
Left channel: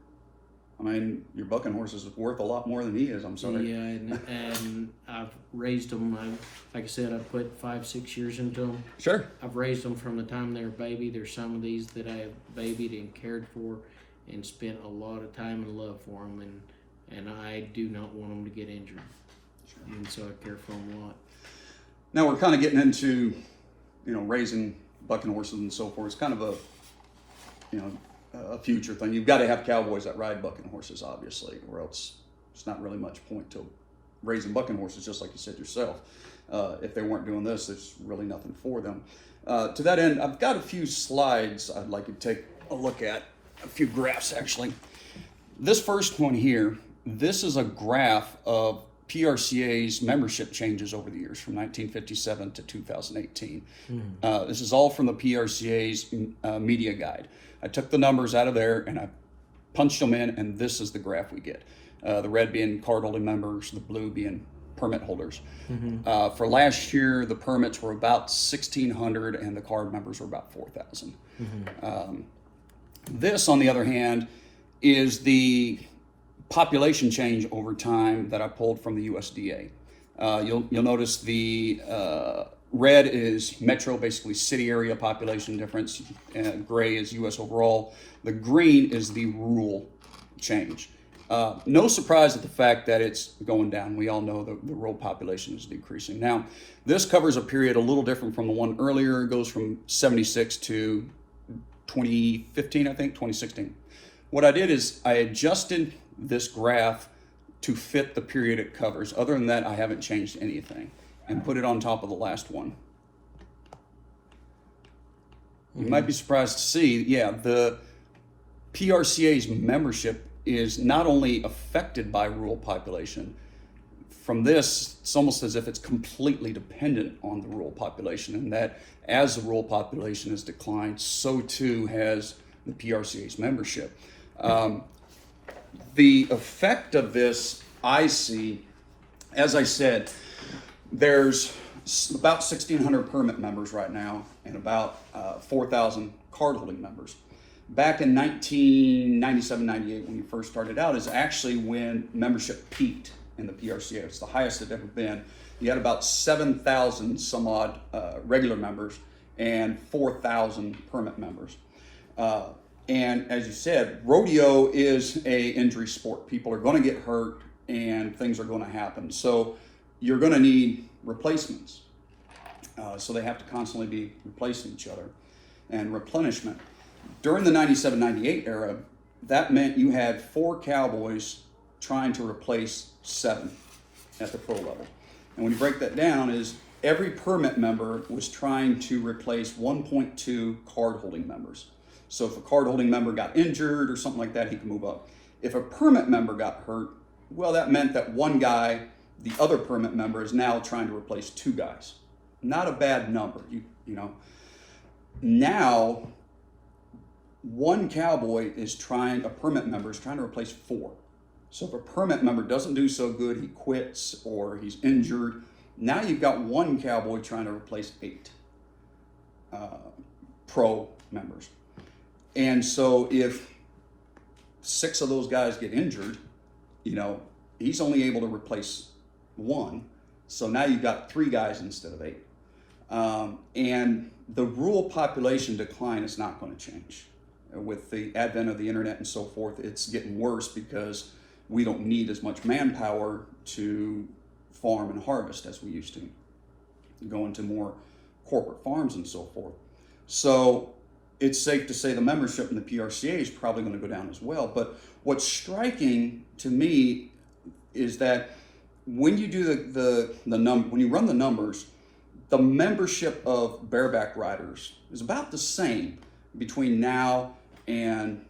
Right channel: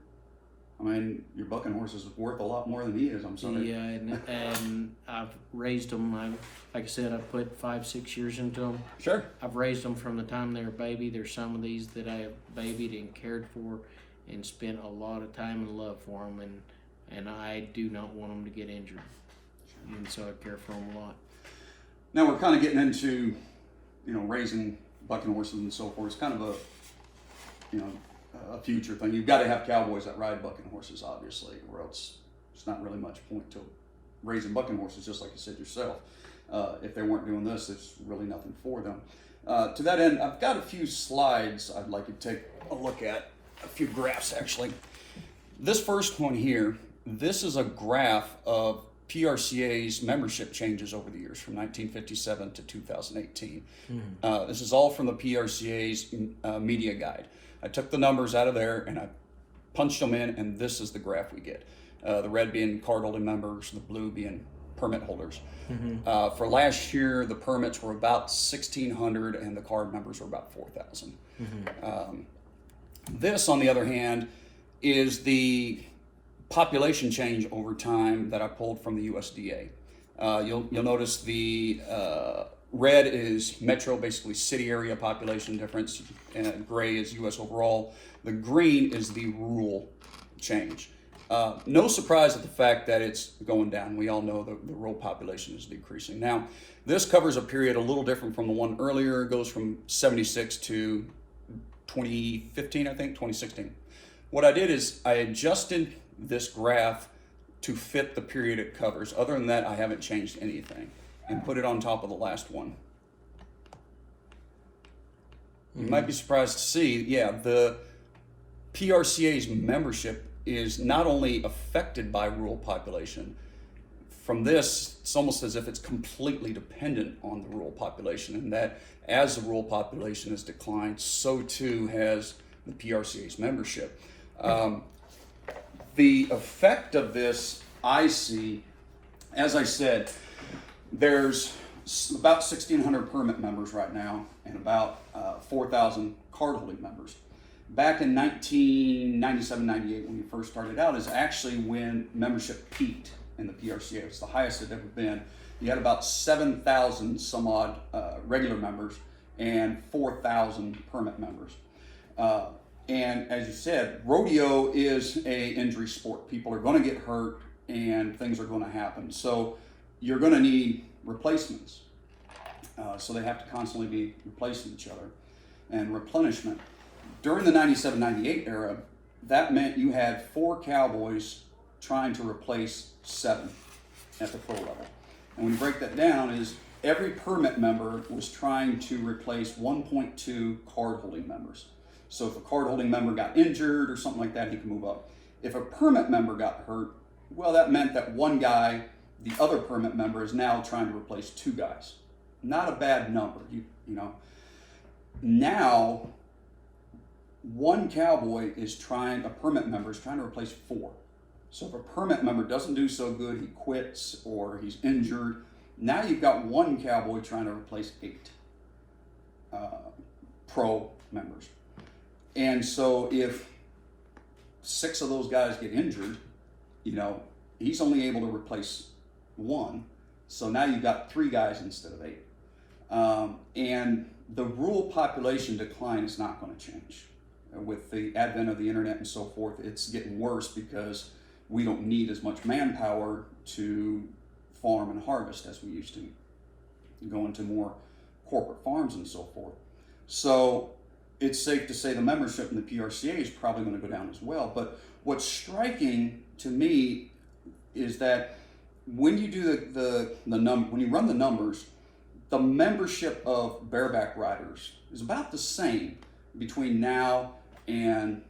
I mean, your bucking horse is worth a lot more than he is, I'm sorry. Yeah, and I've raised them. Like I said, I've put 5-6 years into them. Sure. I've raised them from the time they were baby. There's some of these that I have babied and cared for and spent a lot of time and love for them, and I do not want them to get injured. Sure. And so I care for them a lot. Now we're kind of getting into, you know, raising bucking horses and so forth. It's kind of a future thing. You've got to have cowboys that ride bucking horses, obviously, or else it's not really much point to raising bucking horses, just like you said yourself. If they weren't doing this, there's really nothing for them. To that end, I've got a few slides I'd like you to take a look at, a few graphs actually. This first one here, this is a graph of PRCA's membership changes over the years from 1957 to 2018. This is all from the PRCA's media guide. I took the numbers out of there and I punched them in, and this is the graph we get. The red being card holding members, the blue being permit holders. For last year, the permits were about 1,600 and the card members were about 4,000. This, on the other hand, is the population change over time that I pulled from the USDA. You'll notice the red is metro, basically city area population difference, and gray is U.S. overall. The green is the rural change. No surprise at the fact that it's going down. We all know that the rural population is decreasing. Now, this covers a period a little different from the one earlier. It goes from 76 to 2015, I think, 2016. What I did is I adjusted this graph to fit the period it covers. Other than that, I haven't changed anything, and put it on top of the last one. You might be surprised to see, the PRCA's membership is not only affected by rural population. From this, it's almost as if it's completely dependent on the rural population, and that as the rural population has declined, so too has the PRCA's membership. The effect of this, I see, as I said, there's about 1,600 permit members right now and about 4,000 card-holding members. Back in 1997-98, when we first started out, is actually when membership peaked in the PRCA. It's the highest it ever been. You had about 7,000 some odd regular members and 4,000 permit members. And as you said, rodeo is a injury sport. People are going to get hurt and things are going to happen. So you're going to need replacements. So they have to constantly be replacing each other. And replenishment. During the 97-98 era, that meant you had 4 cowboys trying to replace 7 at the pro level. And when you break that down, is every permit member was trying to replace 1.2 card-holding members. So if a card-holding member got injured or something like that, he could move up. If a permit member got hurt, well, that meant that one guy, the other permit member, is now trying to replace 2 guys. Not a bad number, you know. Now, one cowboy a permit member is trying to replace 4. So if a permit member doesn't do so good, he quits or he's injured. Now you've got one cowboy trying to replace 8. pro members. And so if 6 of those guys get injured, he's only able to replace 1. So now you've got 3 guys instead of 8. And the rural population decline is not going to change. With the advent of the internet and so forth, it's getting worse because we don't need as much manpower to farm and harvest as we used to. Go into more corporate farms and so forth. So it's safe to say the membership in the PRCA is probably going to go down as well. But what's striking to me is that when you do when you run the numbers, the membership of bareback riders is about the same between now and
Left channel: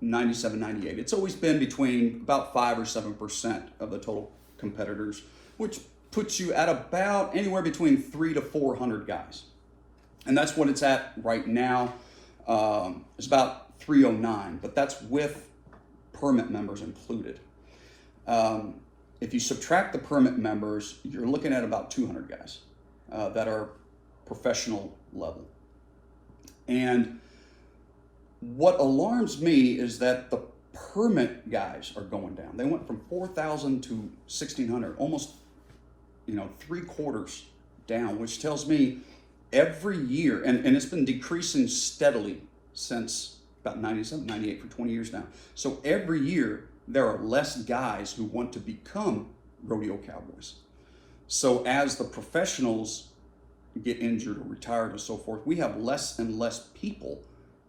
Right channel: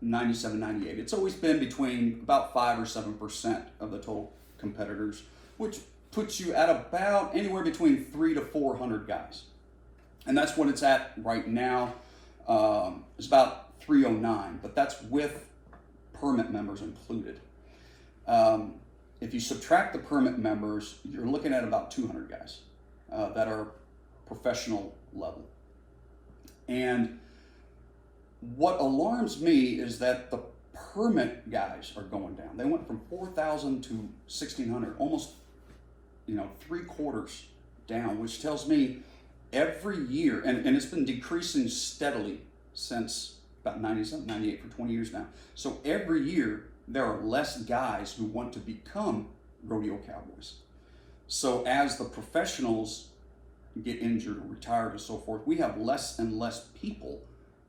97, 98. It's always been between about 5 or 7% of the total competitors, which puts you at about anywhere between 300 to 400 guys. And that's what it's at right now. It's about 309, but that's with permit members included. If you subtract the permit members, you're looking at about 200 guys that are professional level. And what alarms me is that the permit guys are going down. They went from 4,000 to 1,600, almost 3/4 down, which tells me every year, and it's been decreasing steadily since about 97, 98 for 20 years now. So every year there are less guys who want to become rodeo cowboys. So as the professionals get injured or retired and so forth, we have less and less people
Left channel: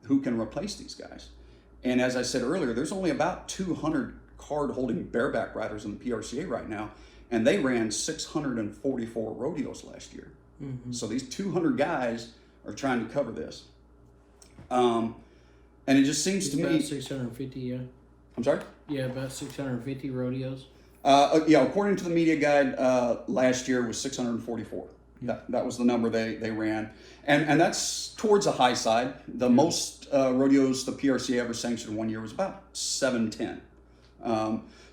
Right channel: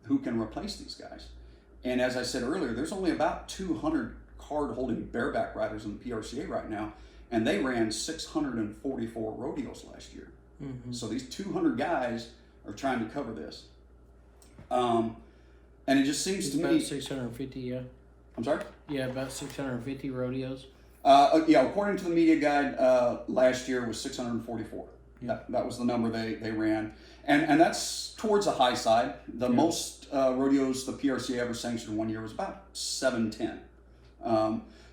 who can replace these guys. And as I said earlier, there's only about 200 card-holding bareback riders in the PRCA right now, and they ran 644 rodeos last year. Mm-hmm. So these 200 guys are trying to cover this. And it just seems to me... About 650, yeah. I'm sorry? Yeah, about 650 rodeos. Yeah, according to the media guide, last year was 644. Yeah. That was the number they ran. And that's towards the high side. The most rodeos the PRCA ever sanctioned in 1 year was about 710.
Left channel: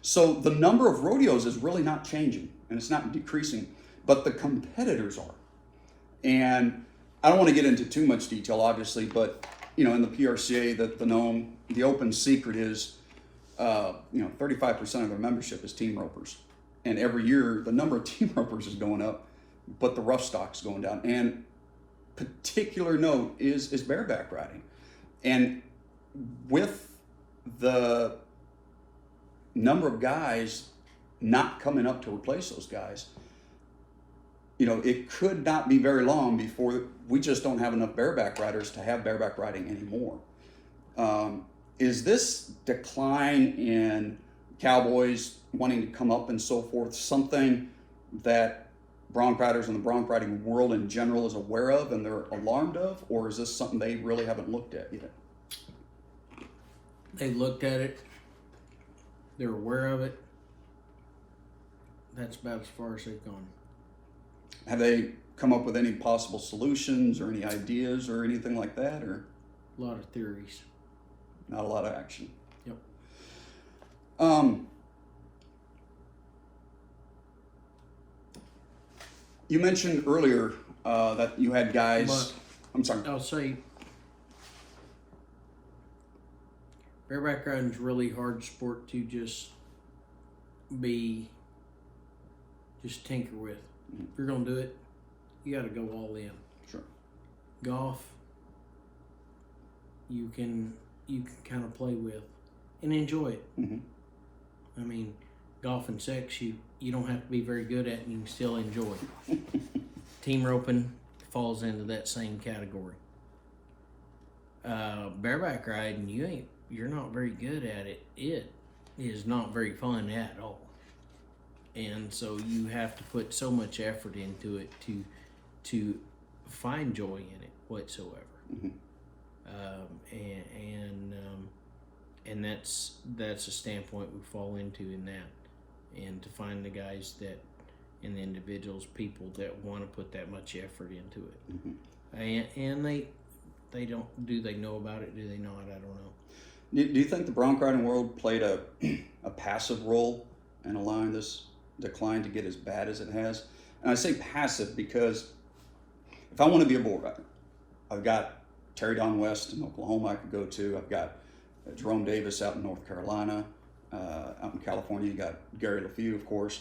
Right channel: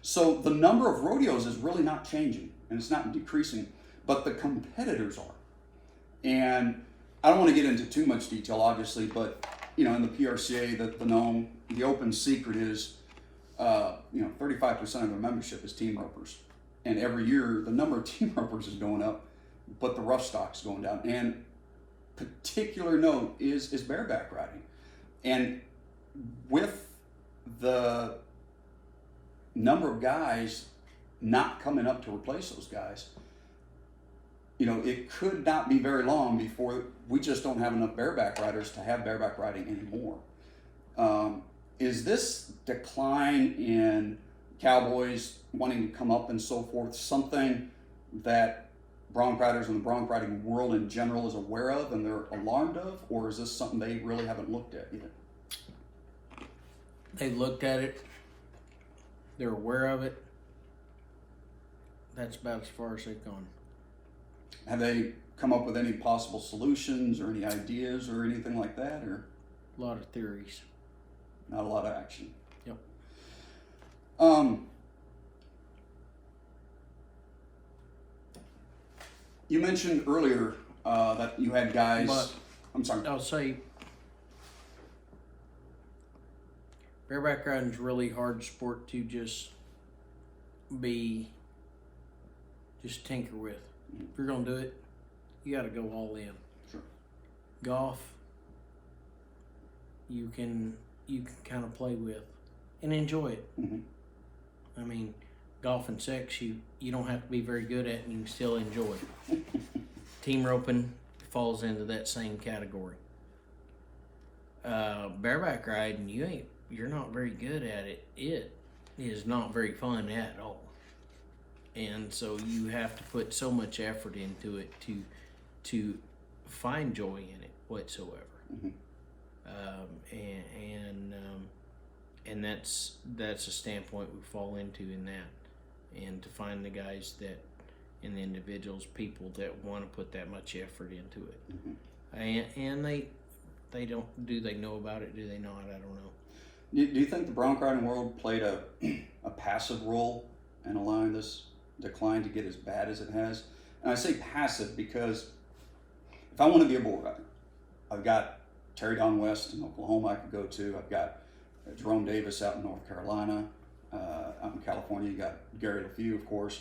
So the number of rodeos is really not changing, and it's not decreasing, but the competitors are. And I don't want to get into too much detail, obviously, but in the PRCA, the open secret is 35% of their membership is team ropers, and every year the number of team ropers is going up, but the rough stock's going down. And particular note is bareback riding, and with the number of guys not coming up to replace those guys, it could not be very long before we just don't have enough bareback riders to have bareback riding anymore. Is this decline in cowboys wanting to come up and so forth something that bronc riders and the bronc riding world in general is aware of and they're alarmed of, or is this something they really haven't looked at yet? They looked at it. They're aware of it. That's about as far as they've gone. Have they come up with any possible solutions or any ideas or anything like that, or? A lot of theories. Not a lot of action. Yep. You mentioned earlier that you had guys. But I'm sorry. I'll say bareback riding is really hard sport to just tinker with. Mm-hmm. If you're gonna do it, you got to go all in. Sure. Golf, you can kind of play with and enjoy it. Mm-hmm. I mean, golf and sex, you don't have to be very good at, and you can still enjoy it. Team roping falls into that same category. Bareback riding, you're not very good at it. It is not very fun at all. And so you have to put so much effort into it to find joy in it whatsoever. Mm-hmm. And that's a standpoint we fall into in that, and to find the guys that and the individuals, people that want to put that much effort into it. Mm-hmm. And they don't. Do they know about it? Do they not? I don't know. Do you think the bronc riding world played a passive role in allowing this decline to get as bad as it has? And I say passive because if I want to be a bull rider I've got Terry Don West in Oklahoma I could go to. I've got Jerome Davis out in North Carolina. Out in California, you got Gary LeFew, of course.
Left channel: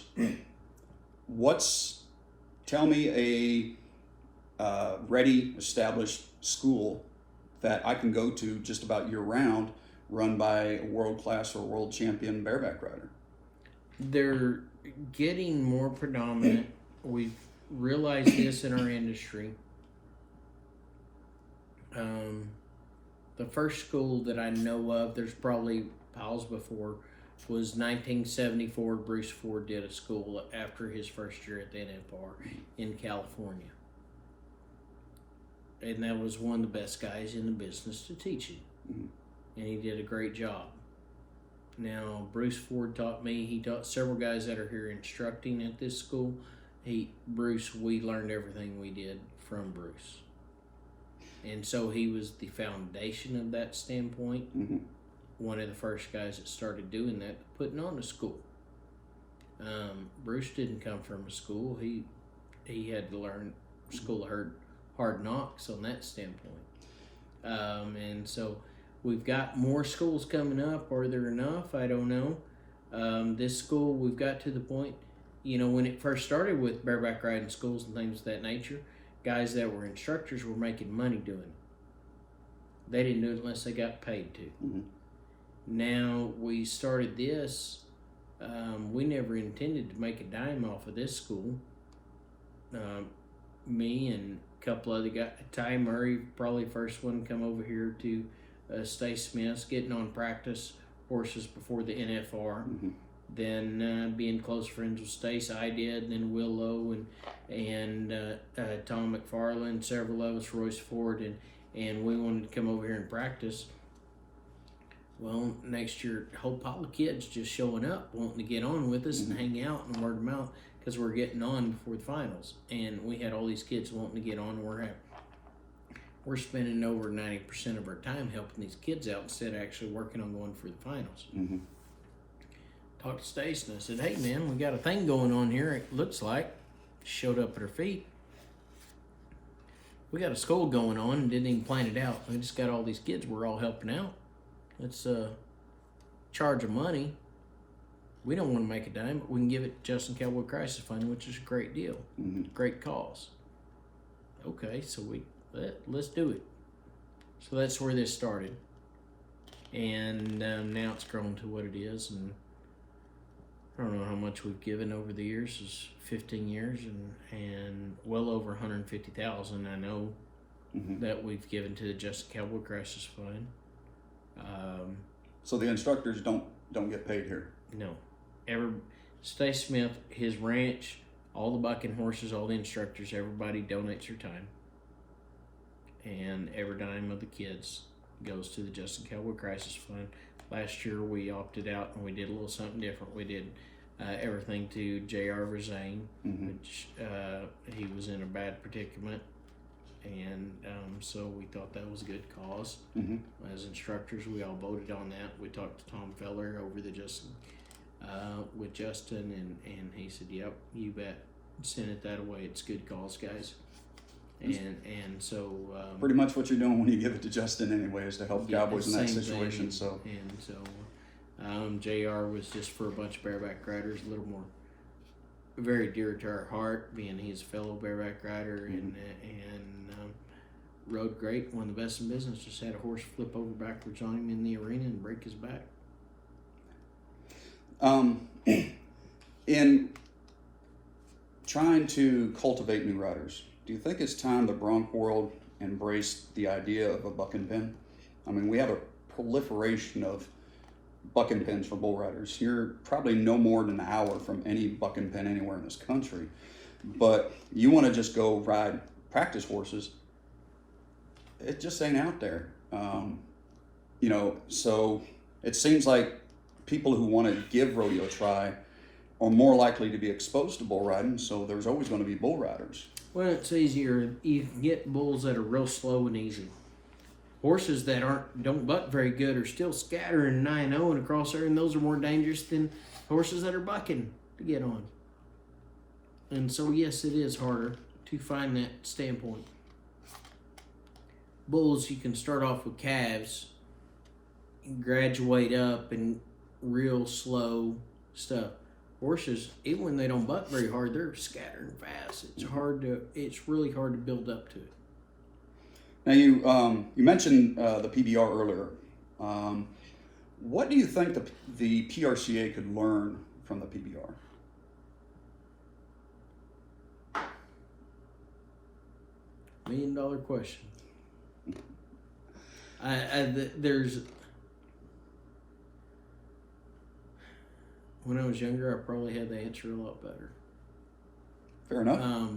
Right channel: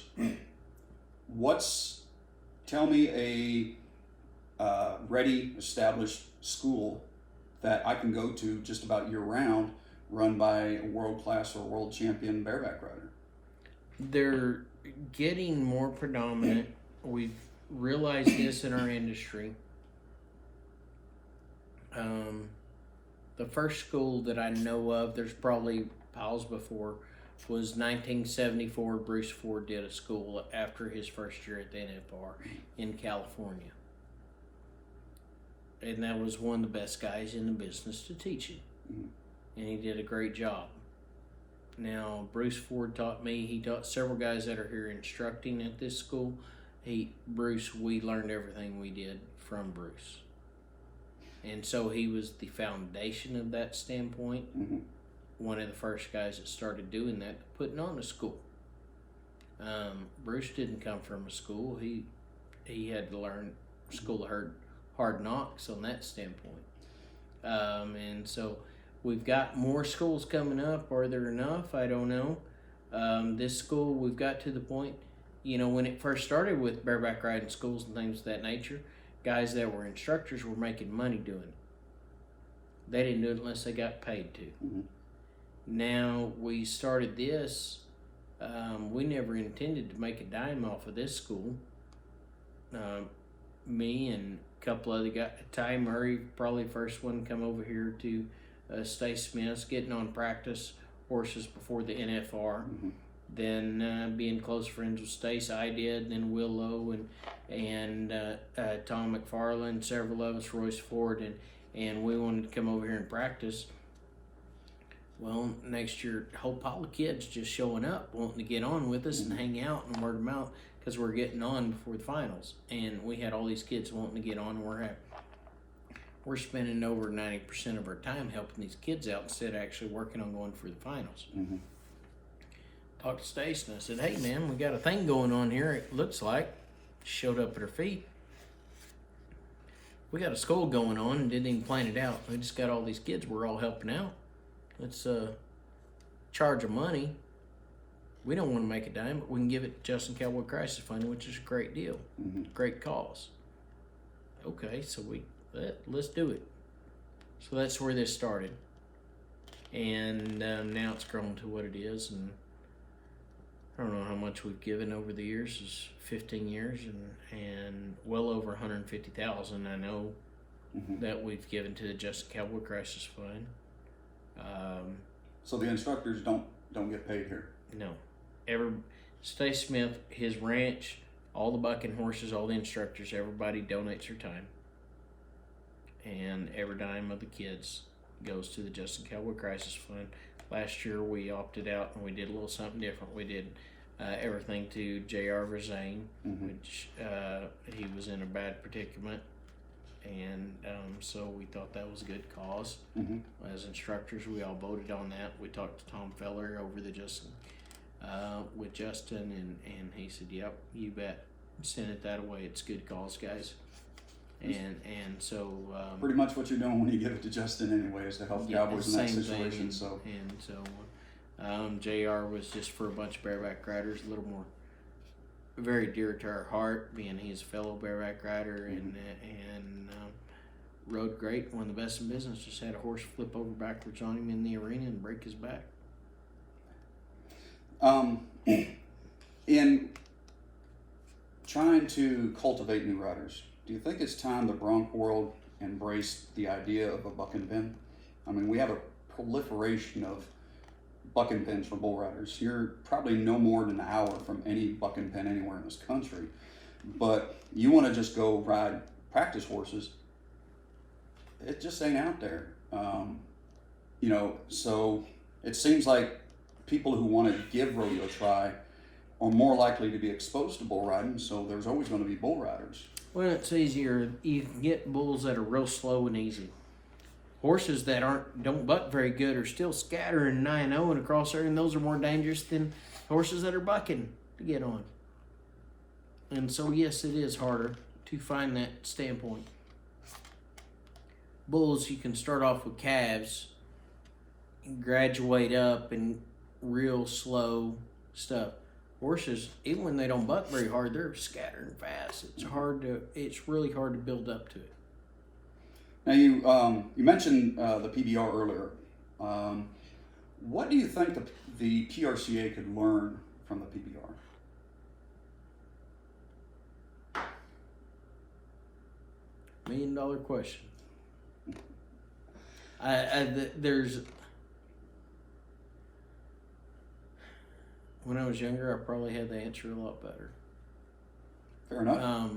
Tell me a ready, established school that I can go to just about year-round, run by a world-class or world champion bareback rider. They're getting more predominant. We've realized this in our industry. The first school that I know of, there's probably piles before, was 1974. Bruce Ford did a school after his first year at the NFR in California. And that was one of the best guys in the business to teach it. And he did a great job. Now, Bruce Ford taught me, he taught several guys that are here instructing at this school. We learned everything we did from Bruce. And so he was the foundation of that standpoint. One of the first guys that started doing that, putting on a school. Bruce didn't come from a school. He had to learn school of hard knocks on that standpoint. And so we've got more schools coming up. Are there enough? I don't know. This school, we've got to the point, when it first started with bareback riding schools and things of that nature, guys that were instructors were making money doing it. They didn't do it unless they got paid to. Now we started this, we never intended to make a dime off of this school. Me and a couple other guys, Ty Murray, probably first one to come over here to Stay Smith's, getting on practice horses before the NFR. Then being close friends with Stace, I did, then Willow and Tom McFarland, several of us, Royce Ford, and we wanted to come over here and practice. Well, next year, a whole pile of kids just showing up, wanting to get on with us and hang out and word them out because we're getting on before the finals. And we had all these kids wanting to get on, and we're spending over 90% of our time helping these kids out instead of actually working on going for the finals. Talked to Stace and I said, hey man, we got a thing going on here, it looks like. Showed up at her feet. We got a school going on and didn't even plan it out. We just got all these kids, we're all helping out. Let's charge them money. We don't want to make a dime, but we can give it to Justin Cowboy Crisis Fund, which is a great deal, great cause. Okay, so let's do it. So that's where this started, and now it's grown to what it is. And I don't know how much we've given over the years. It's 15 years and well over 150,000. I know that we've given to the Justin Cowboy Crisis Fund. So the instructors don't get paid here? No. Stay Smith, his ranch, all the bucking horses, all the instructors, everybody donates their time. And every dime of the kids goes to the Justin Cowboy Crisis Fund. Last year we opted out and we did a little something different. We did everything to J.R. Verzane, which he was in a bad predicament. And so we thought that was a good cause. As instructors, we all voted on that. We talked to Tom Feller over the with Justin, and he said, "Yep, you bet. Send it that way. It's a good cause, guys." And so pretty much what you're doing when you give it to Justin anyway is to help Cowboys in that situation. JR was just for a bunch of bareback riders, a little more very dear to our heart, being he's a fellow bareback rider and rode great, one of the best in business. Just had a horse flip over backwards on him in the arena and break his back. In trying to cultivate new riders, do you think it's time the bronc world embraced the idea of a buck and pin? I mean, we have a proliferation of buck and pins for bull riders. You're probably no more than an hour from any buck and pin anywhere in this country. But you want to just go ride practice horses, it just ain't out there. So it seems like people who want to give rodeo a try are more likely to be exposed to bull riding, so there's always going to be bull riders. Well, it's easier. You can get bulls that are real slow and easy. Horses that don't buck very good are still scattering 9-0 and across there, and those are more dangerous than horses that are bucking to get on. And so, yes, it is harder to find that standpoint. bulls, you can start off with calves, graduate up, and real slow stuff. Horses, even when they don't buck very hard, they're scattering fast. It's really hard to build up to it. Now you mentioned the PBR earlier. What do you think the PRCA could learn from the PBR? $1 million question. When I was younger, I probably had the answer a lot better. Fair enough.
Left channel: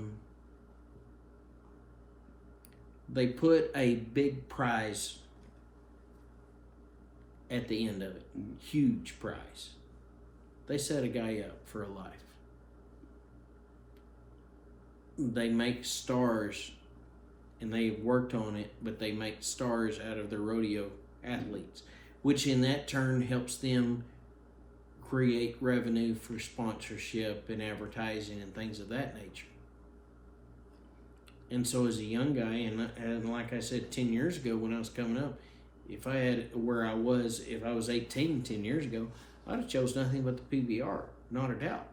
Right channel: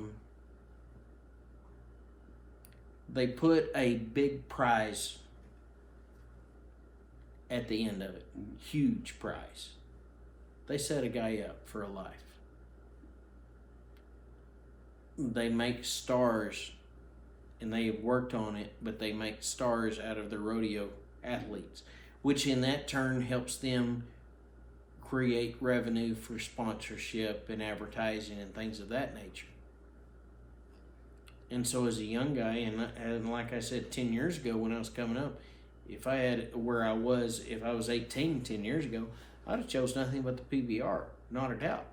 They put a big prize at the end of it. Huge prize. They set a guy up for a life. They make stars, and they have worked on it, but they make stars out of the rodeo athletes, which in that turn helps them create revenue for sponsorship and advertising and things of that nature. And so as a young guy, and like I said 10 years ago when I was coming up, if I was 18 10 years ago, I'd have chose nothing but the PBR, not a doubt.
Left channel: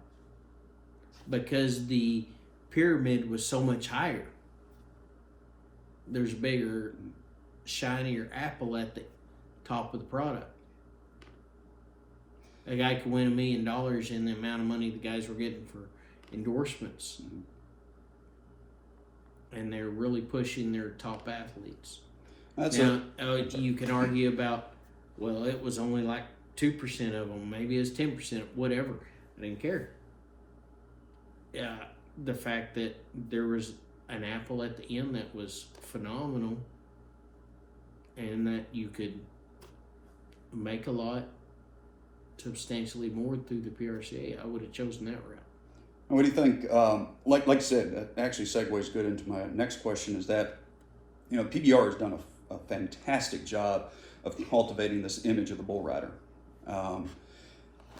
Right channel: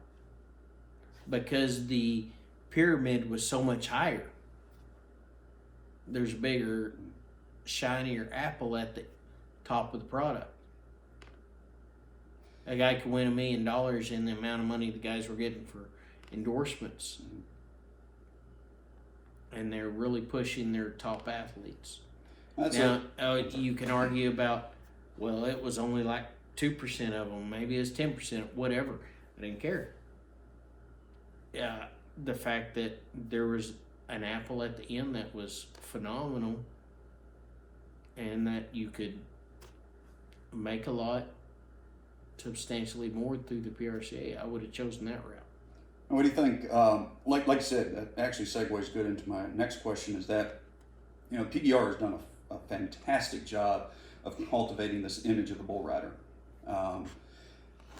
Because the pyramid was so much higher. There's a bigger, shinier apple at the top of the product. A guy could win $1 million in the amount of money the guys were getting for endorsements. And they're really pushing their top athletes. You can argue about, well, it was only like 2% of them, maybe it's 10%, whatever. I didn't care. The fact that there was an apple at the end that was phenomenal, and that you could make a lot, substantially more through the PRCA, I would have chosen that route. What do you think? Like I said, that actually segues good into my next question. Is that PBR has done a fantastic job of cultivating this image of the bull rider.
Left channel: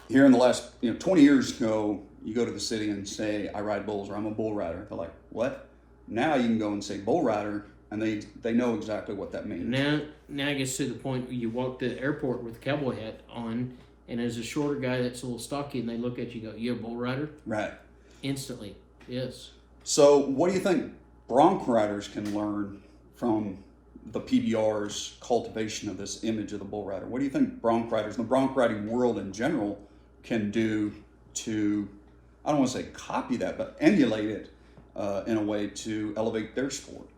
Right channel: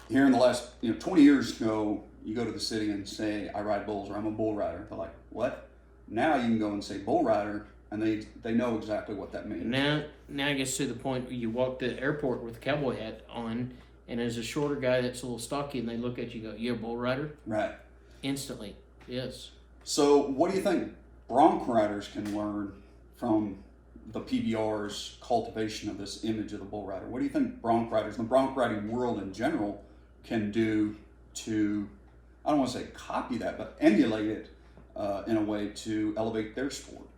Here in the last 20 years ago, you go to the city and say, I ride bulls, or I'm a bull rider. They're like, what? Now you can go and say bull rider, and they know exactly what that means. Now it gets to the point where you walk to the airport with a cowboy hat on, and as a shorter guy that's a little stocky, and they look at you and go, you're a bull rider? Right. Instantly, yes. So what do you think bronc riders can learn from the PBR's cultivation of this image of the bull rider? What do you think bronc riders, the bronc riding world in general, can do to, I don't want to say copy that, but emulate it in a way to elevate their sport?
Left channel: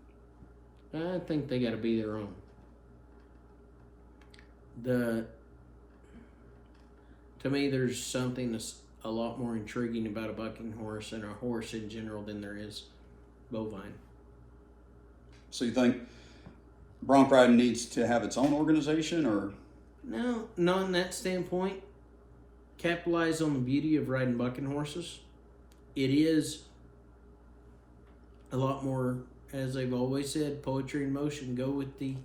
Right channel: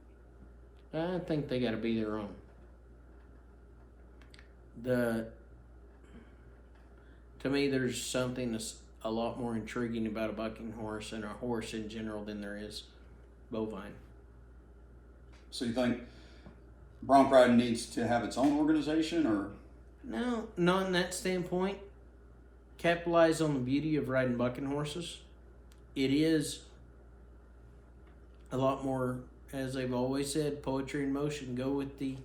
I think they got to be their own. To me, there's something that's a lot more intriguing about a bucking horse and a horse in general than there is bovine. So you think bronc riding needs to have its own organization, or? No, not in that standpoint. Capitalize on the beauty of riding bucking horses. It is a lot more, as they've always said, poetry in motion. Go with the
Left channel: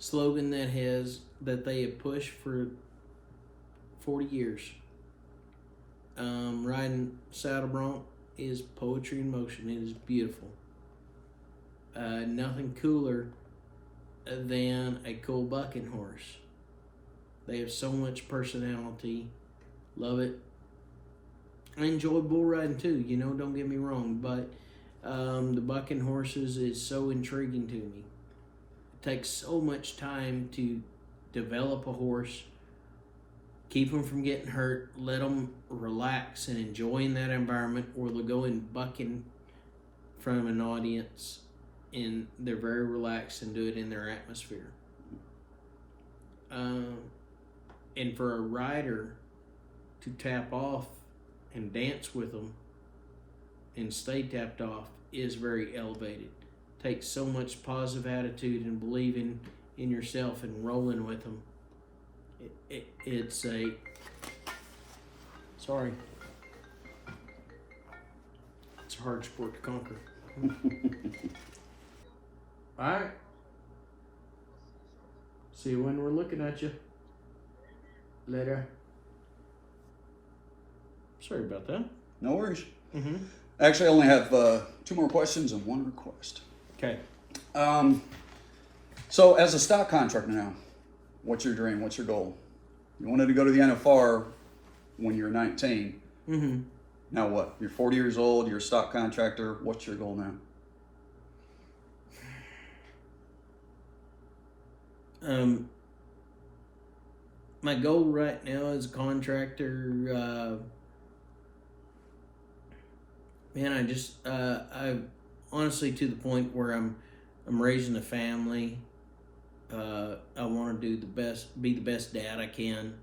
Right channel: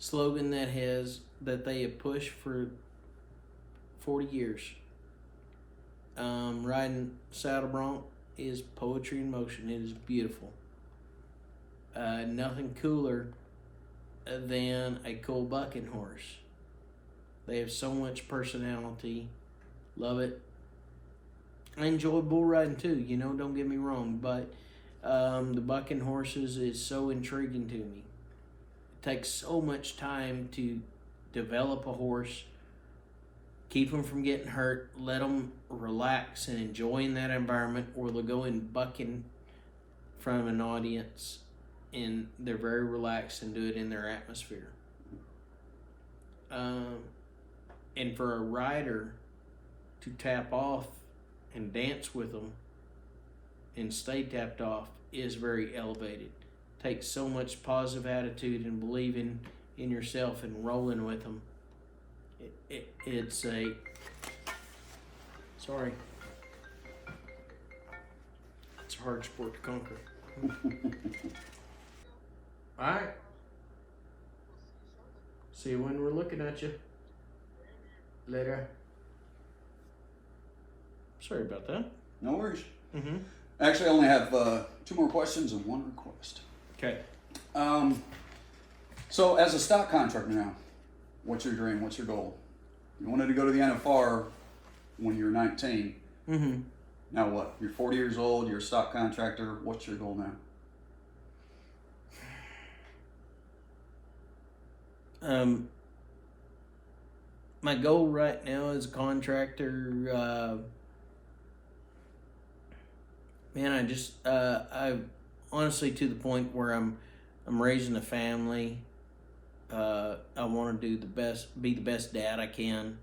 slogan that they have pushed for 40 years. Riding saddle bronc is poetry in motion. It is beautiful. Nothing cooler than a cool bucking horse. They have so much personality. Love it. I enjoy bull riding too, don't get me wrong, but the bucking horses is so intriguing to me. It takes so much time to develop a horse, keep them from getting hurt, let them relax and enjoy in that environment, or they'll go in bucking from an audience and they're very relaxed and do it in their atmosphere. And for a rider to tap off and dance with them and stay tapped off is very elevated. Takes so much positive attitude and believing in yourself and rolling with them. It's a hard sport to conquer. All right. See you when we're looking at you. Later. Sorry about that. No worries. Mm-hmm. Actually, I only have 2 more questions and 1 request. Okay. So as a stock contractor now, what's your dream? What's your goal? You wanted to go to the NFR when you were 19. Mm-hmm. Now what? You're 40 years old. You're a stock contractor. What's your goal now? My goal right now as a contractor, I honestly to the point where I'm raising a family. I want to be the best dad I can.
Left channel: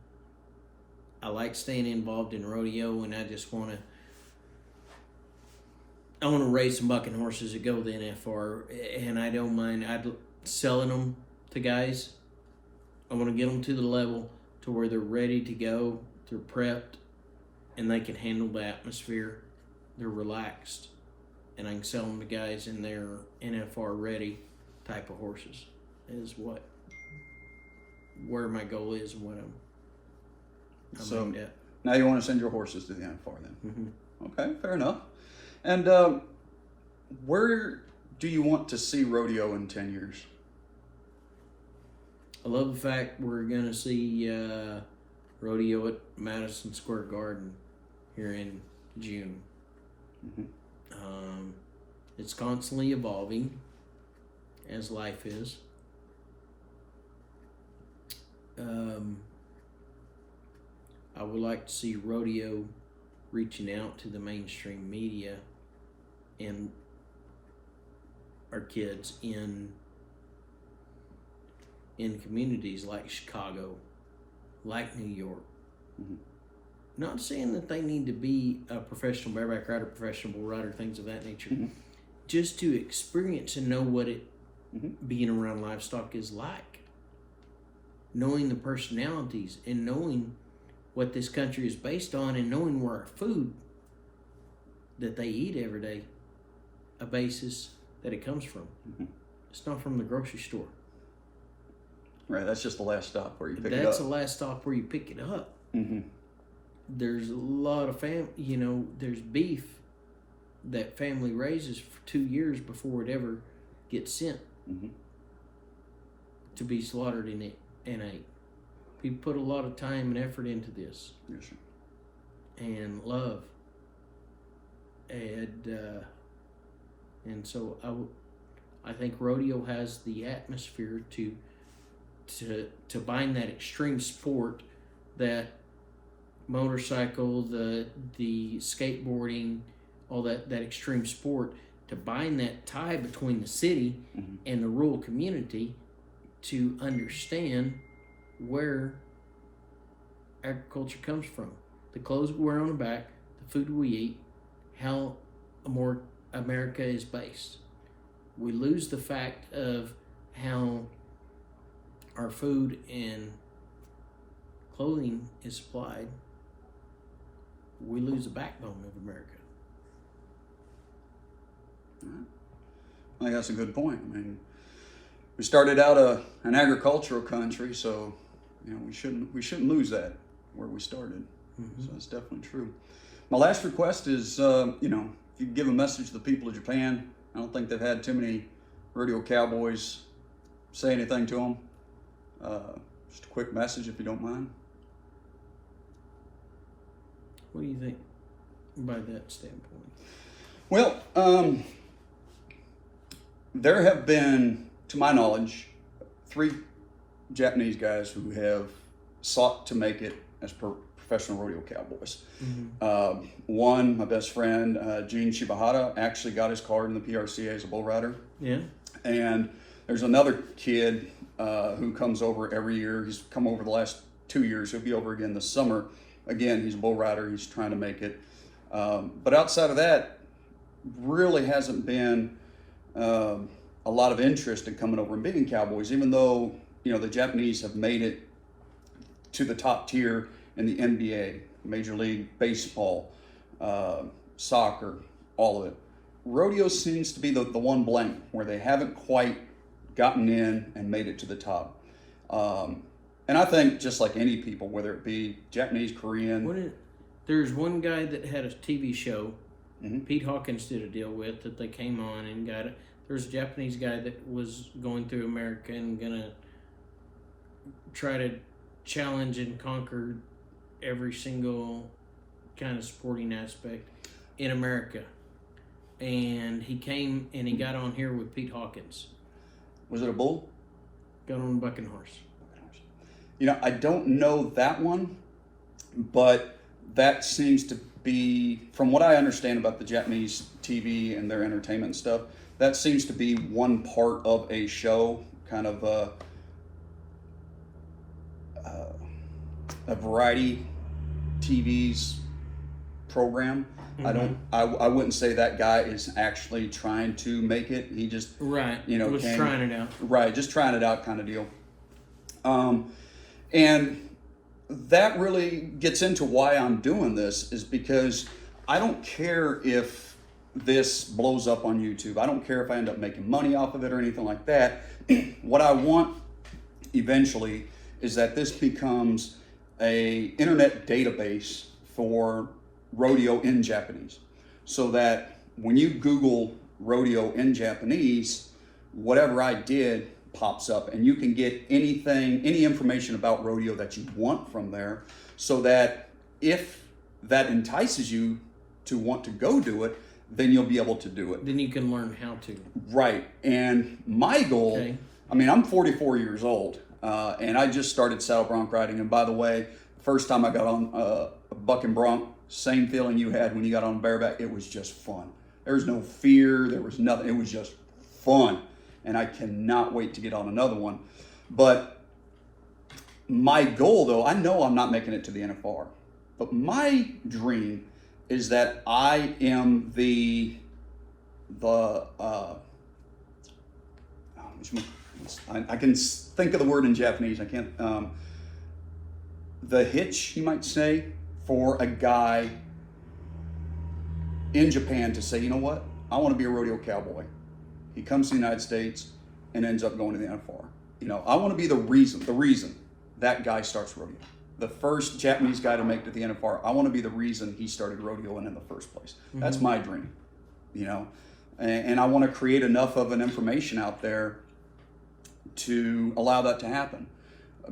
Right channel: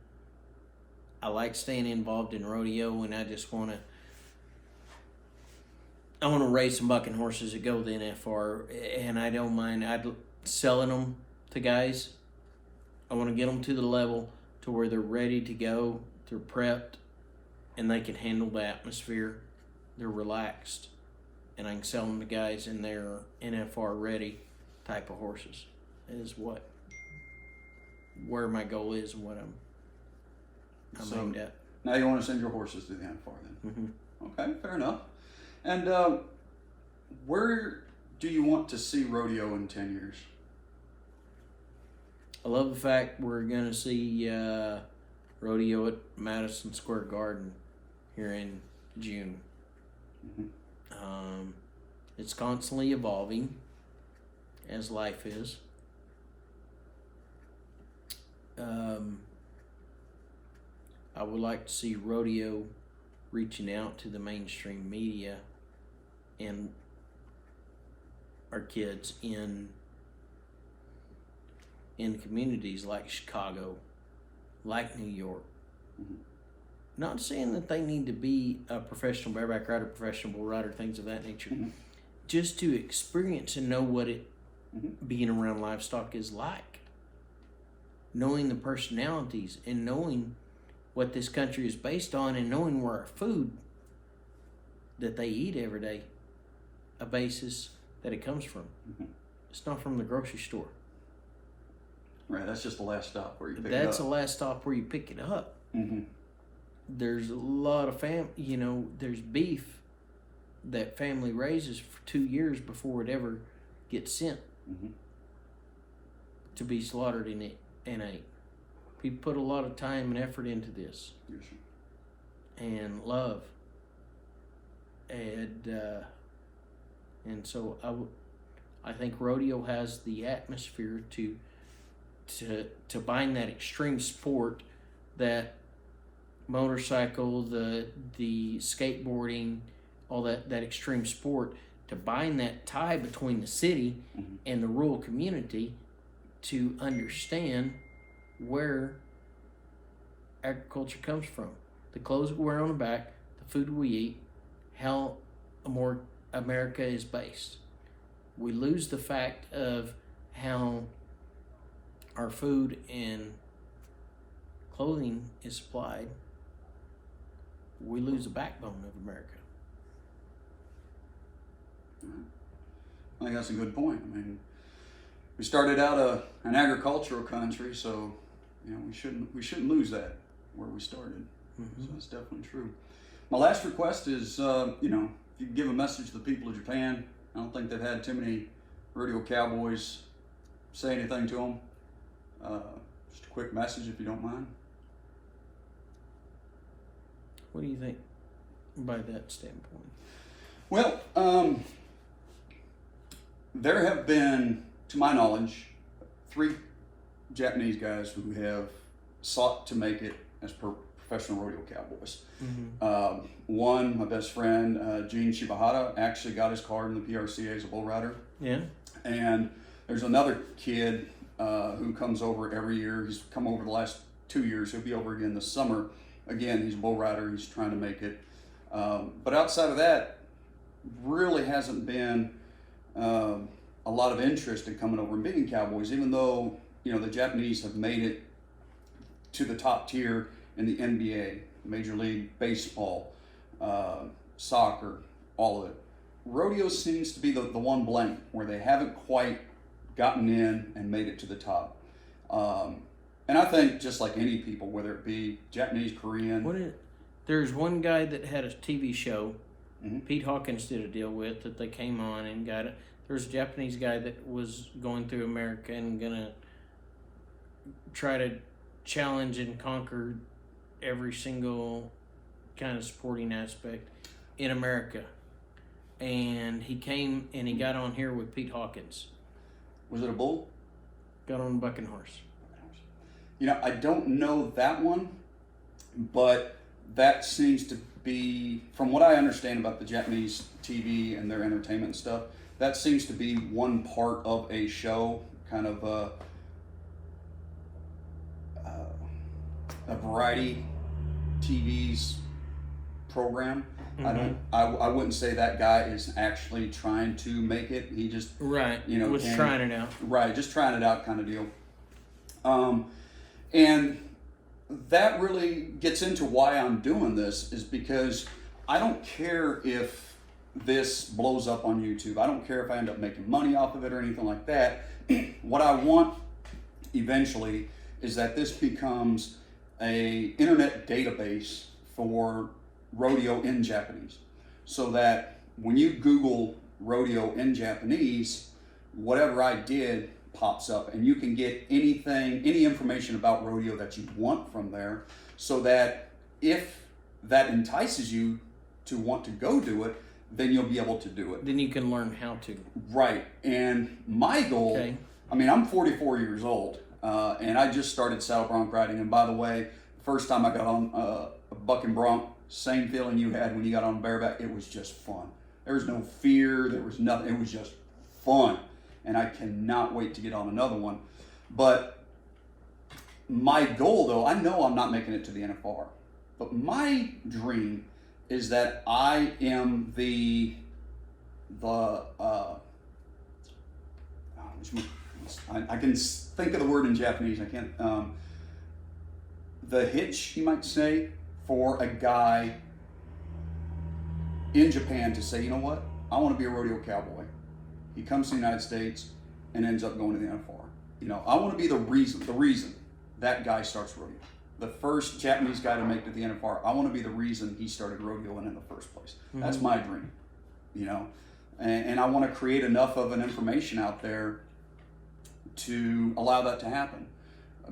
I like staying involved in rodeo, and I just want to raise some bucking horses that go to the NFR, and I don't mind selling them to guys. I want to get them to the level to where they're ready to go, they're prepped, and they can handle the atmosphere. They're relaxed, and I can sell them to guys in their NFR ready type of horses. Is where my goal is and what I'm aimed at. Now you want to send your horses to the NFR then? Mm-hmm. Okay, fair enough. And where do you want to see rodeo in 10 years? I love the fact we're going to see rodeo at Madison Square Garden here in June. Mm-hmm. It's constantly evolving, as life is. I would like to see rodeo reaching out to the mainstream media and our kids in communities like Chicago, like New York. Mm-hmm. Not saying that they need to be a professional bareback rider, professional bull rider, things of that nature. Mm-hmm. Just to experience and know what it being around livestock is like. Knowing the personalities and knowing what this country is based on and knowing where our food that they eat every day, a basis that it comes from. Mm-hmm. It's not from the grocery store. Right, that's just the last stop where you pick it up. That's the last stop where you pick it up. Mm-hmm. There's a lot of there's beef that family raises for 2 years before it ever gets sent to be slaughtered and ate. People put a lot of time and effort into this. Yes, sir. And love. And so I think rodeo has the atmosphere to bind that extreme sport, that motorcycle, the skateboarding, all that extreme sport, to bind that tie between the city and the rural community, to understand where agriculture comes from. The clothes we wear on the back, the food we eat, how America is based. We lose the fact of how our food and clothing is supplied. We lose the backbone of America. I think that's a good point. I mean, we started out an agricultural country, so we shouldn't lose that where we started. Mm-hmm. So that's definitely true. My last request is, if you could give a message to the people of Japan. I don't think they've had too many rodeo cowboys say anything to them. Just a quick message, if you don't mind. What do you think by that standpoint? Well, there have been, to my knowledge, 3 Japanese guys who have sought to make it as professional rodeo cowboys. Mm-hmm. One, my best friend, Jun Shibahara, actually got his card in the PRCA as a bull rider. Yeah. And there's another kid who comes over every year. He's come over the last 2 years. He'll be over again this summer. Again, he's a bull rider. He's trying to make it. But outside of that, really hasn't been a lot of interest in coming over and being cowboys, even though, the Japanese have made it to the top tier in the NBA, Major League Baseball, soccer, all of it. Rodeo seems to be the one blank where they haven't quite gotten in and made it to the top. And I think just like any people, whether it be Japanese, Korean. There's one guy that had a TV show, Mm-hmm. Pete Hawkins did a deal with, that they came on and got it. there's a Japanese guy that was going through America and gonna try to challenge and conquer every single kind of sporting aspect in America. And he came and he got on here with Pete Hawkins. Was it a bull? Got on a bucking horse. You know, I don't know that one, but that seems to be, from what I understand about the Japanese TV and their entertainment stuff, that seems to be one part of a show, kind of a variety TV's program. Mm-hmm. I wouldn't say that guy is actually trying to make it. He just was trying it out. Right, just trying it out kind of deal. And that really gets into why I'm doing this, is because I don't care if this blows up on YouTube. I don't care if I end up making money off of it or anything like that. What I want eventually is that this becomes a internet database for rodeo in Japanese, so that when you Google rodeo in Japanese, whatever I did pops up, and you can get any information about rodeo that you want from there, so that if that entices you to want to go do it, then you'll be able to do it. Then you can learn how to. Right. And my goal, I mean, I'm 44 years old, and I just started saddle bronc riding. And by the way, the first time I got on a buck and bronc, same feeling you had when you got on bareback. It was just fun. There was no fear. There was nothing. It was just fun. And I cannot wait to get on another one. But my goal, though, I know I'm not making it to the NFR, but my dream is that I am I can think of the word in Japanese. I can't. The hitch, you might say, for a guy in Japan to say, you know what, I want to be a rodeo cowboy. He comes to the United States and ends up going to the NFR. You know, I want to be the reason that guy starts rodeo. The first Japanese guy to make it to the NFR, I want to be the reason he started rodeoing in the first place. Mm-hmm. That's my dream, you know. And I want to create enough of an information out there to allow that to happen,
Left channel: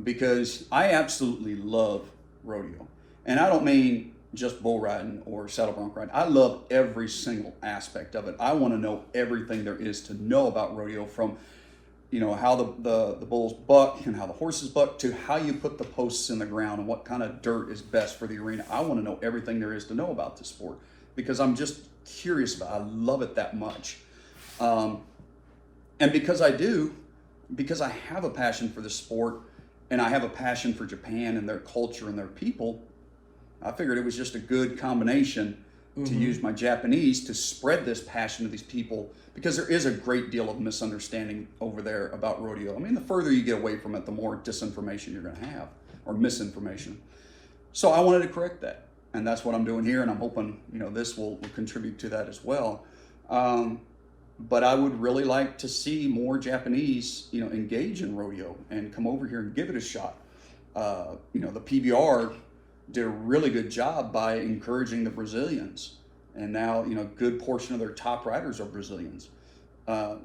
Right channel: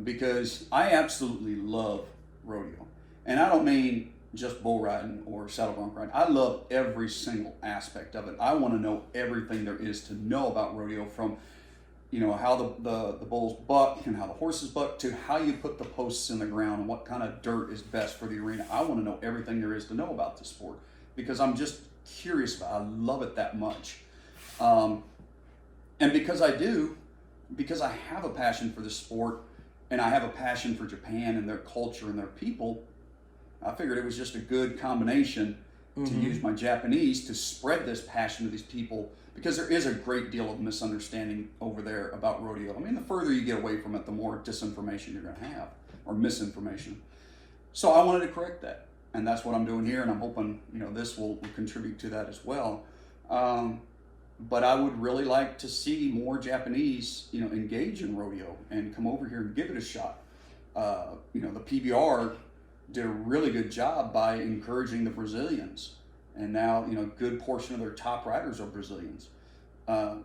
because I absolutely love rodeo. And I don't mean just bull riding or saddle bronc riding. I love every single aspect of it. I want to know everything there is to know about rodeo, from, you know, how the bulls buck and how the horses buck, to how you put the posts in the ground and what kind of dirt is best for the arena. I want to know everything there is to know about the sport, because I'm just curious about it. I love it that much. And because I have a passion for the sport, and I have a passion for Japan and their culture and their people, I figured it was just a good combination to use my Japanese to spread this passion to these people, because there is a great deal of misunderstanding over there about rodeo. I mean, the further you get away from it, the more disinformation you're going to have, or misinformation. So I wanted to correct that, and that's what I'm doing here, and I'm hoping, you know, this will contribute to that as well. But I would really like to see more Japanese, you know, engage in rodeo and come over here and give it a shot. You know, the PBR did a really good job by encouraging the Brazilians, and now, you know, a good portion of their top riders are Brazilians.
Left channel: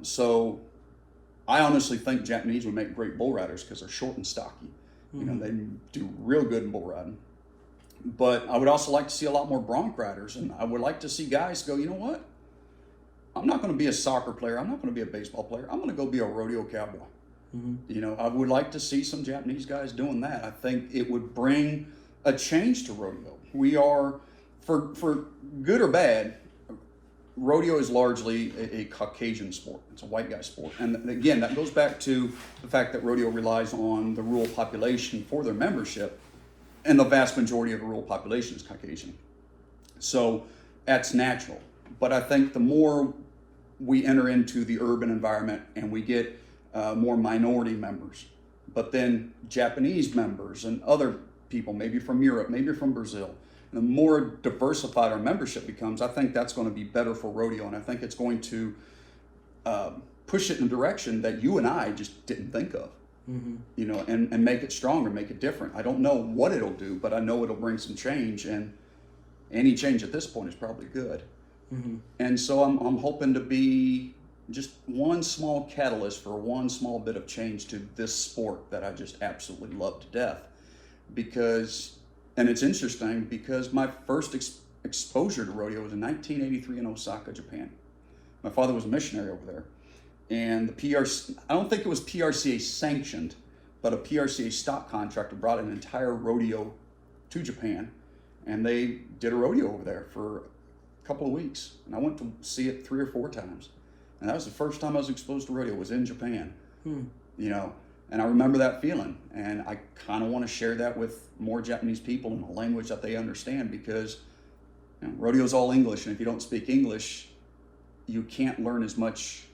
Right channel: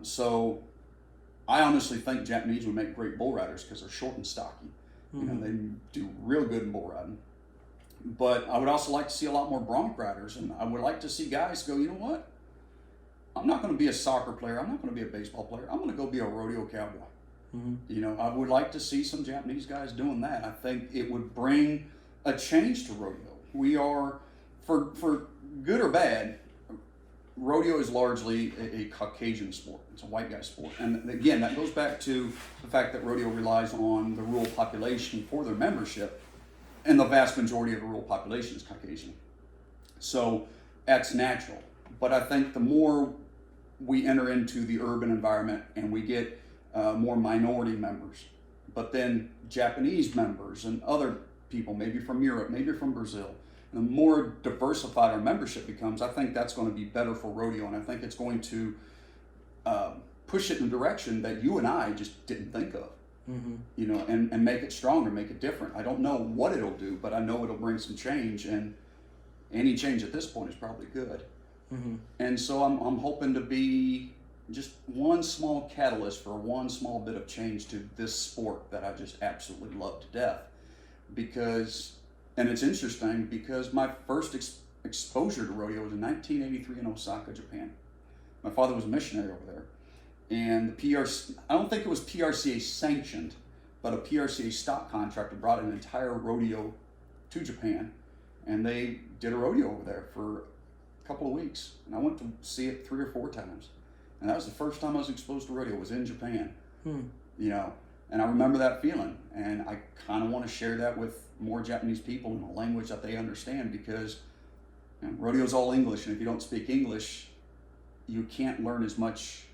So I honestly think Japanese would make great bull riders, because they're short and stocky. You know, they do real good in bull riding. But I would also like to see a lot more bronc riders, and I would like to see guys go, you know what? I'm not going to be a soccer player. I'm not going to be a baseball player. I'm going to go be a rodeo cowboy. You know, I would like to see some Japanese guys doing that. I think it would bring a change to rodeo. We are, for good or bad, rodeo is largely a Caucasian sport. It's a white guy sport. And again, that goes back to the fact that rodeo relies on the rural population for their membership, and the vast majority of the rural population is Caucasian. So that's natural. But I think the more we enter into the urban environment and we get more minority members, but then Japanese members and other people, maybe from Europe, maybe from Brazil, the more diversified our membership becomes, I think that's going to be better for rodeo. And I think it's going to push it in a direction that you and I just didn't think of, you know, and make it stronger, make it different. I don't know what it'll do, but I know it'll bring some change, and any change at this point is probably good. And so I'm hoping to be just one small catalyst for one small bit of change to this sport that I just absolutely love to death. Because, and it's interesting because my first exposure to rodeo was in 1983 in Osaka, Japan. My father was a missionary over there. And the PRCA, I don't think it was PRCA sanctioned, but a PRCA stock contractor brought an entire rodeo to Japan, and they did a rodeo over there for a couple of weeks. And I went to see it 3 or 4 times. And that was the first time I was exposed to rodeo, was in Japan. You know, and I remember that feeling. And I kind of want to share that with more Japanese people in a language that they understand, because you know, rodeo is all English, and if you don't speak English, you can't learn as much,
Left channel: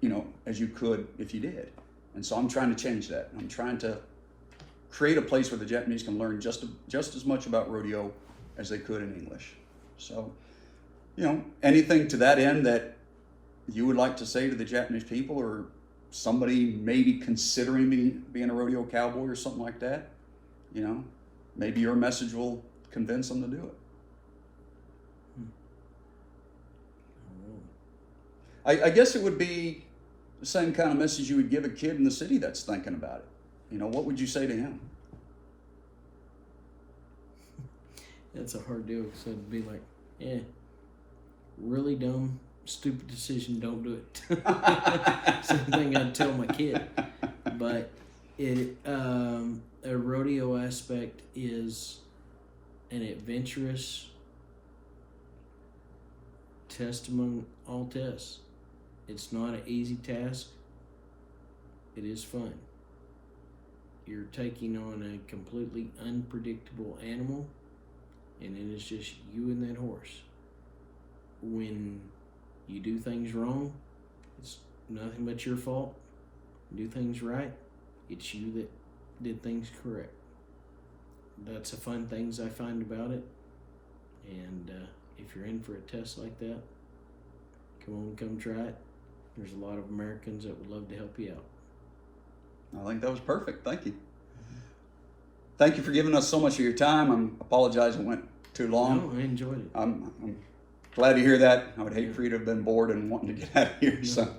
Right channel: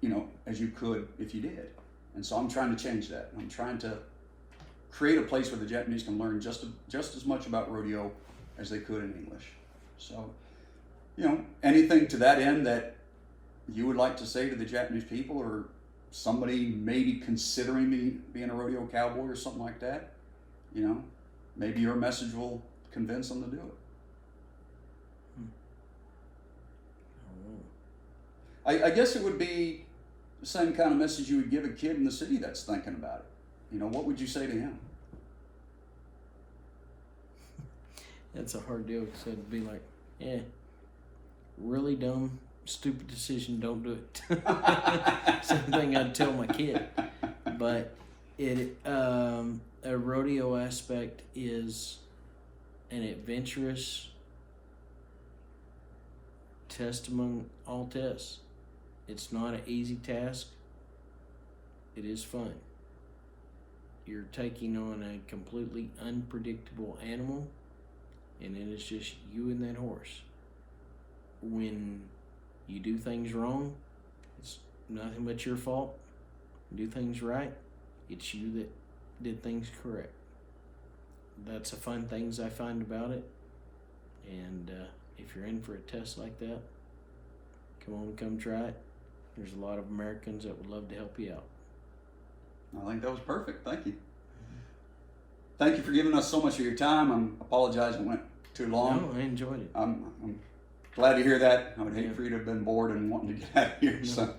you know, as you could if you did. And so I'm trying to change that. I'm trying to create a place where the Japanese can learn just as much about rodeo as they could in English. So, you know, anything to that end that you would like to say to the Japanese people, or somebody maybe considering being a rodeo cowboy or something like that, you know, maybe your message will convince them to do it. I guess it would be the same kind of message you would give a kid in the city that's thinking about it. You know, what would you say to him? That's a hard deal, because it'd be like, yeah, really dumb, stupid decision, don't do it. Same thing I'd tell my kid. But a rodeo aspect is an adventurous test among all tests. It's not an easy task. It is fun. You're taking on a completely unpredictable animal, and it is just you and that horse. When you do things wrong, it's nothing but your fault. You do things right, it's you that did things correct. That's the fun things I find about it. And if you're in for a test like that, come try it. There's a lot of Americans that would love to help you out. I think that was perfect. Thank you. Thank you for giving us so much of your time. I apologize it went too long. No, I enjoyed it. I'm glad to hear that. I would hate for you to have been bored and wanting to get out of here. So,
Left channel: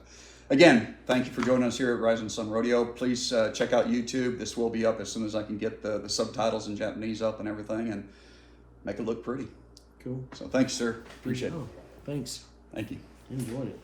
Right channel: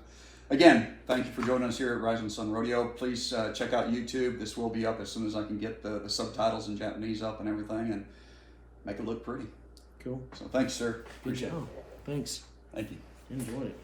again, thank you for joining us here at Rising Sun Rodeo. Please check out YouTube. This will be up as soon as I can get the subtitles in Japanese up and everything, and make it look pretty. Cool. So thanks, sir. Appreciate it. Thanks. Thank you. Enjoyed it.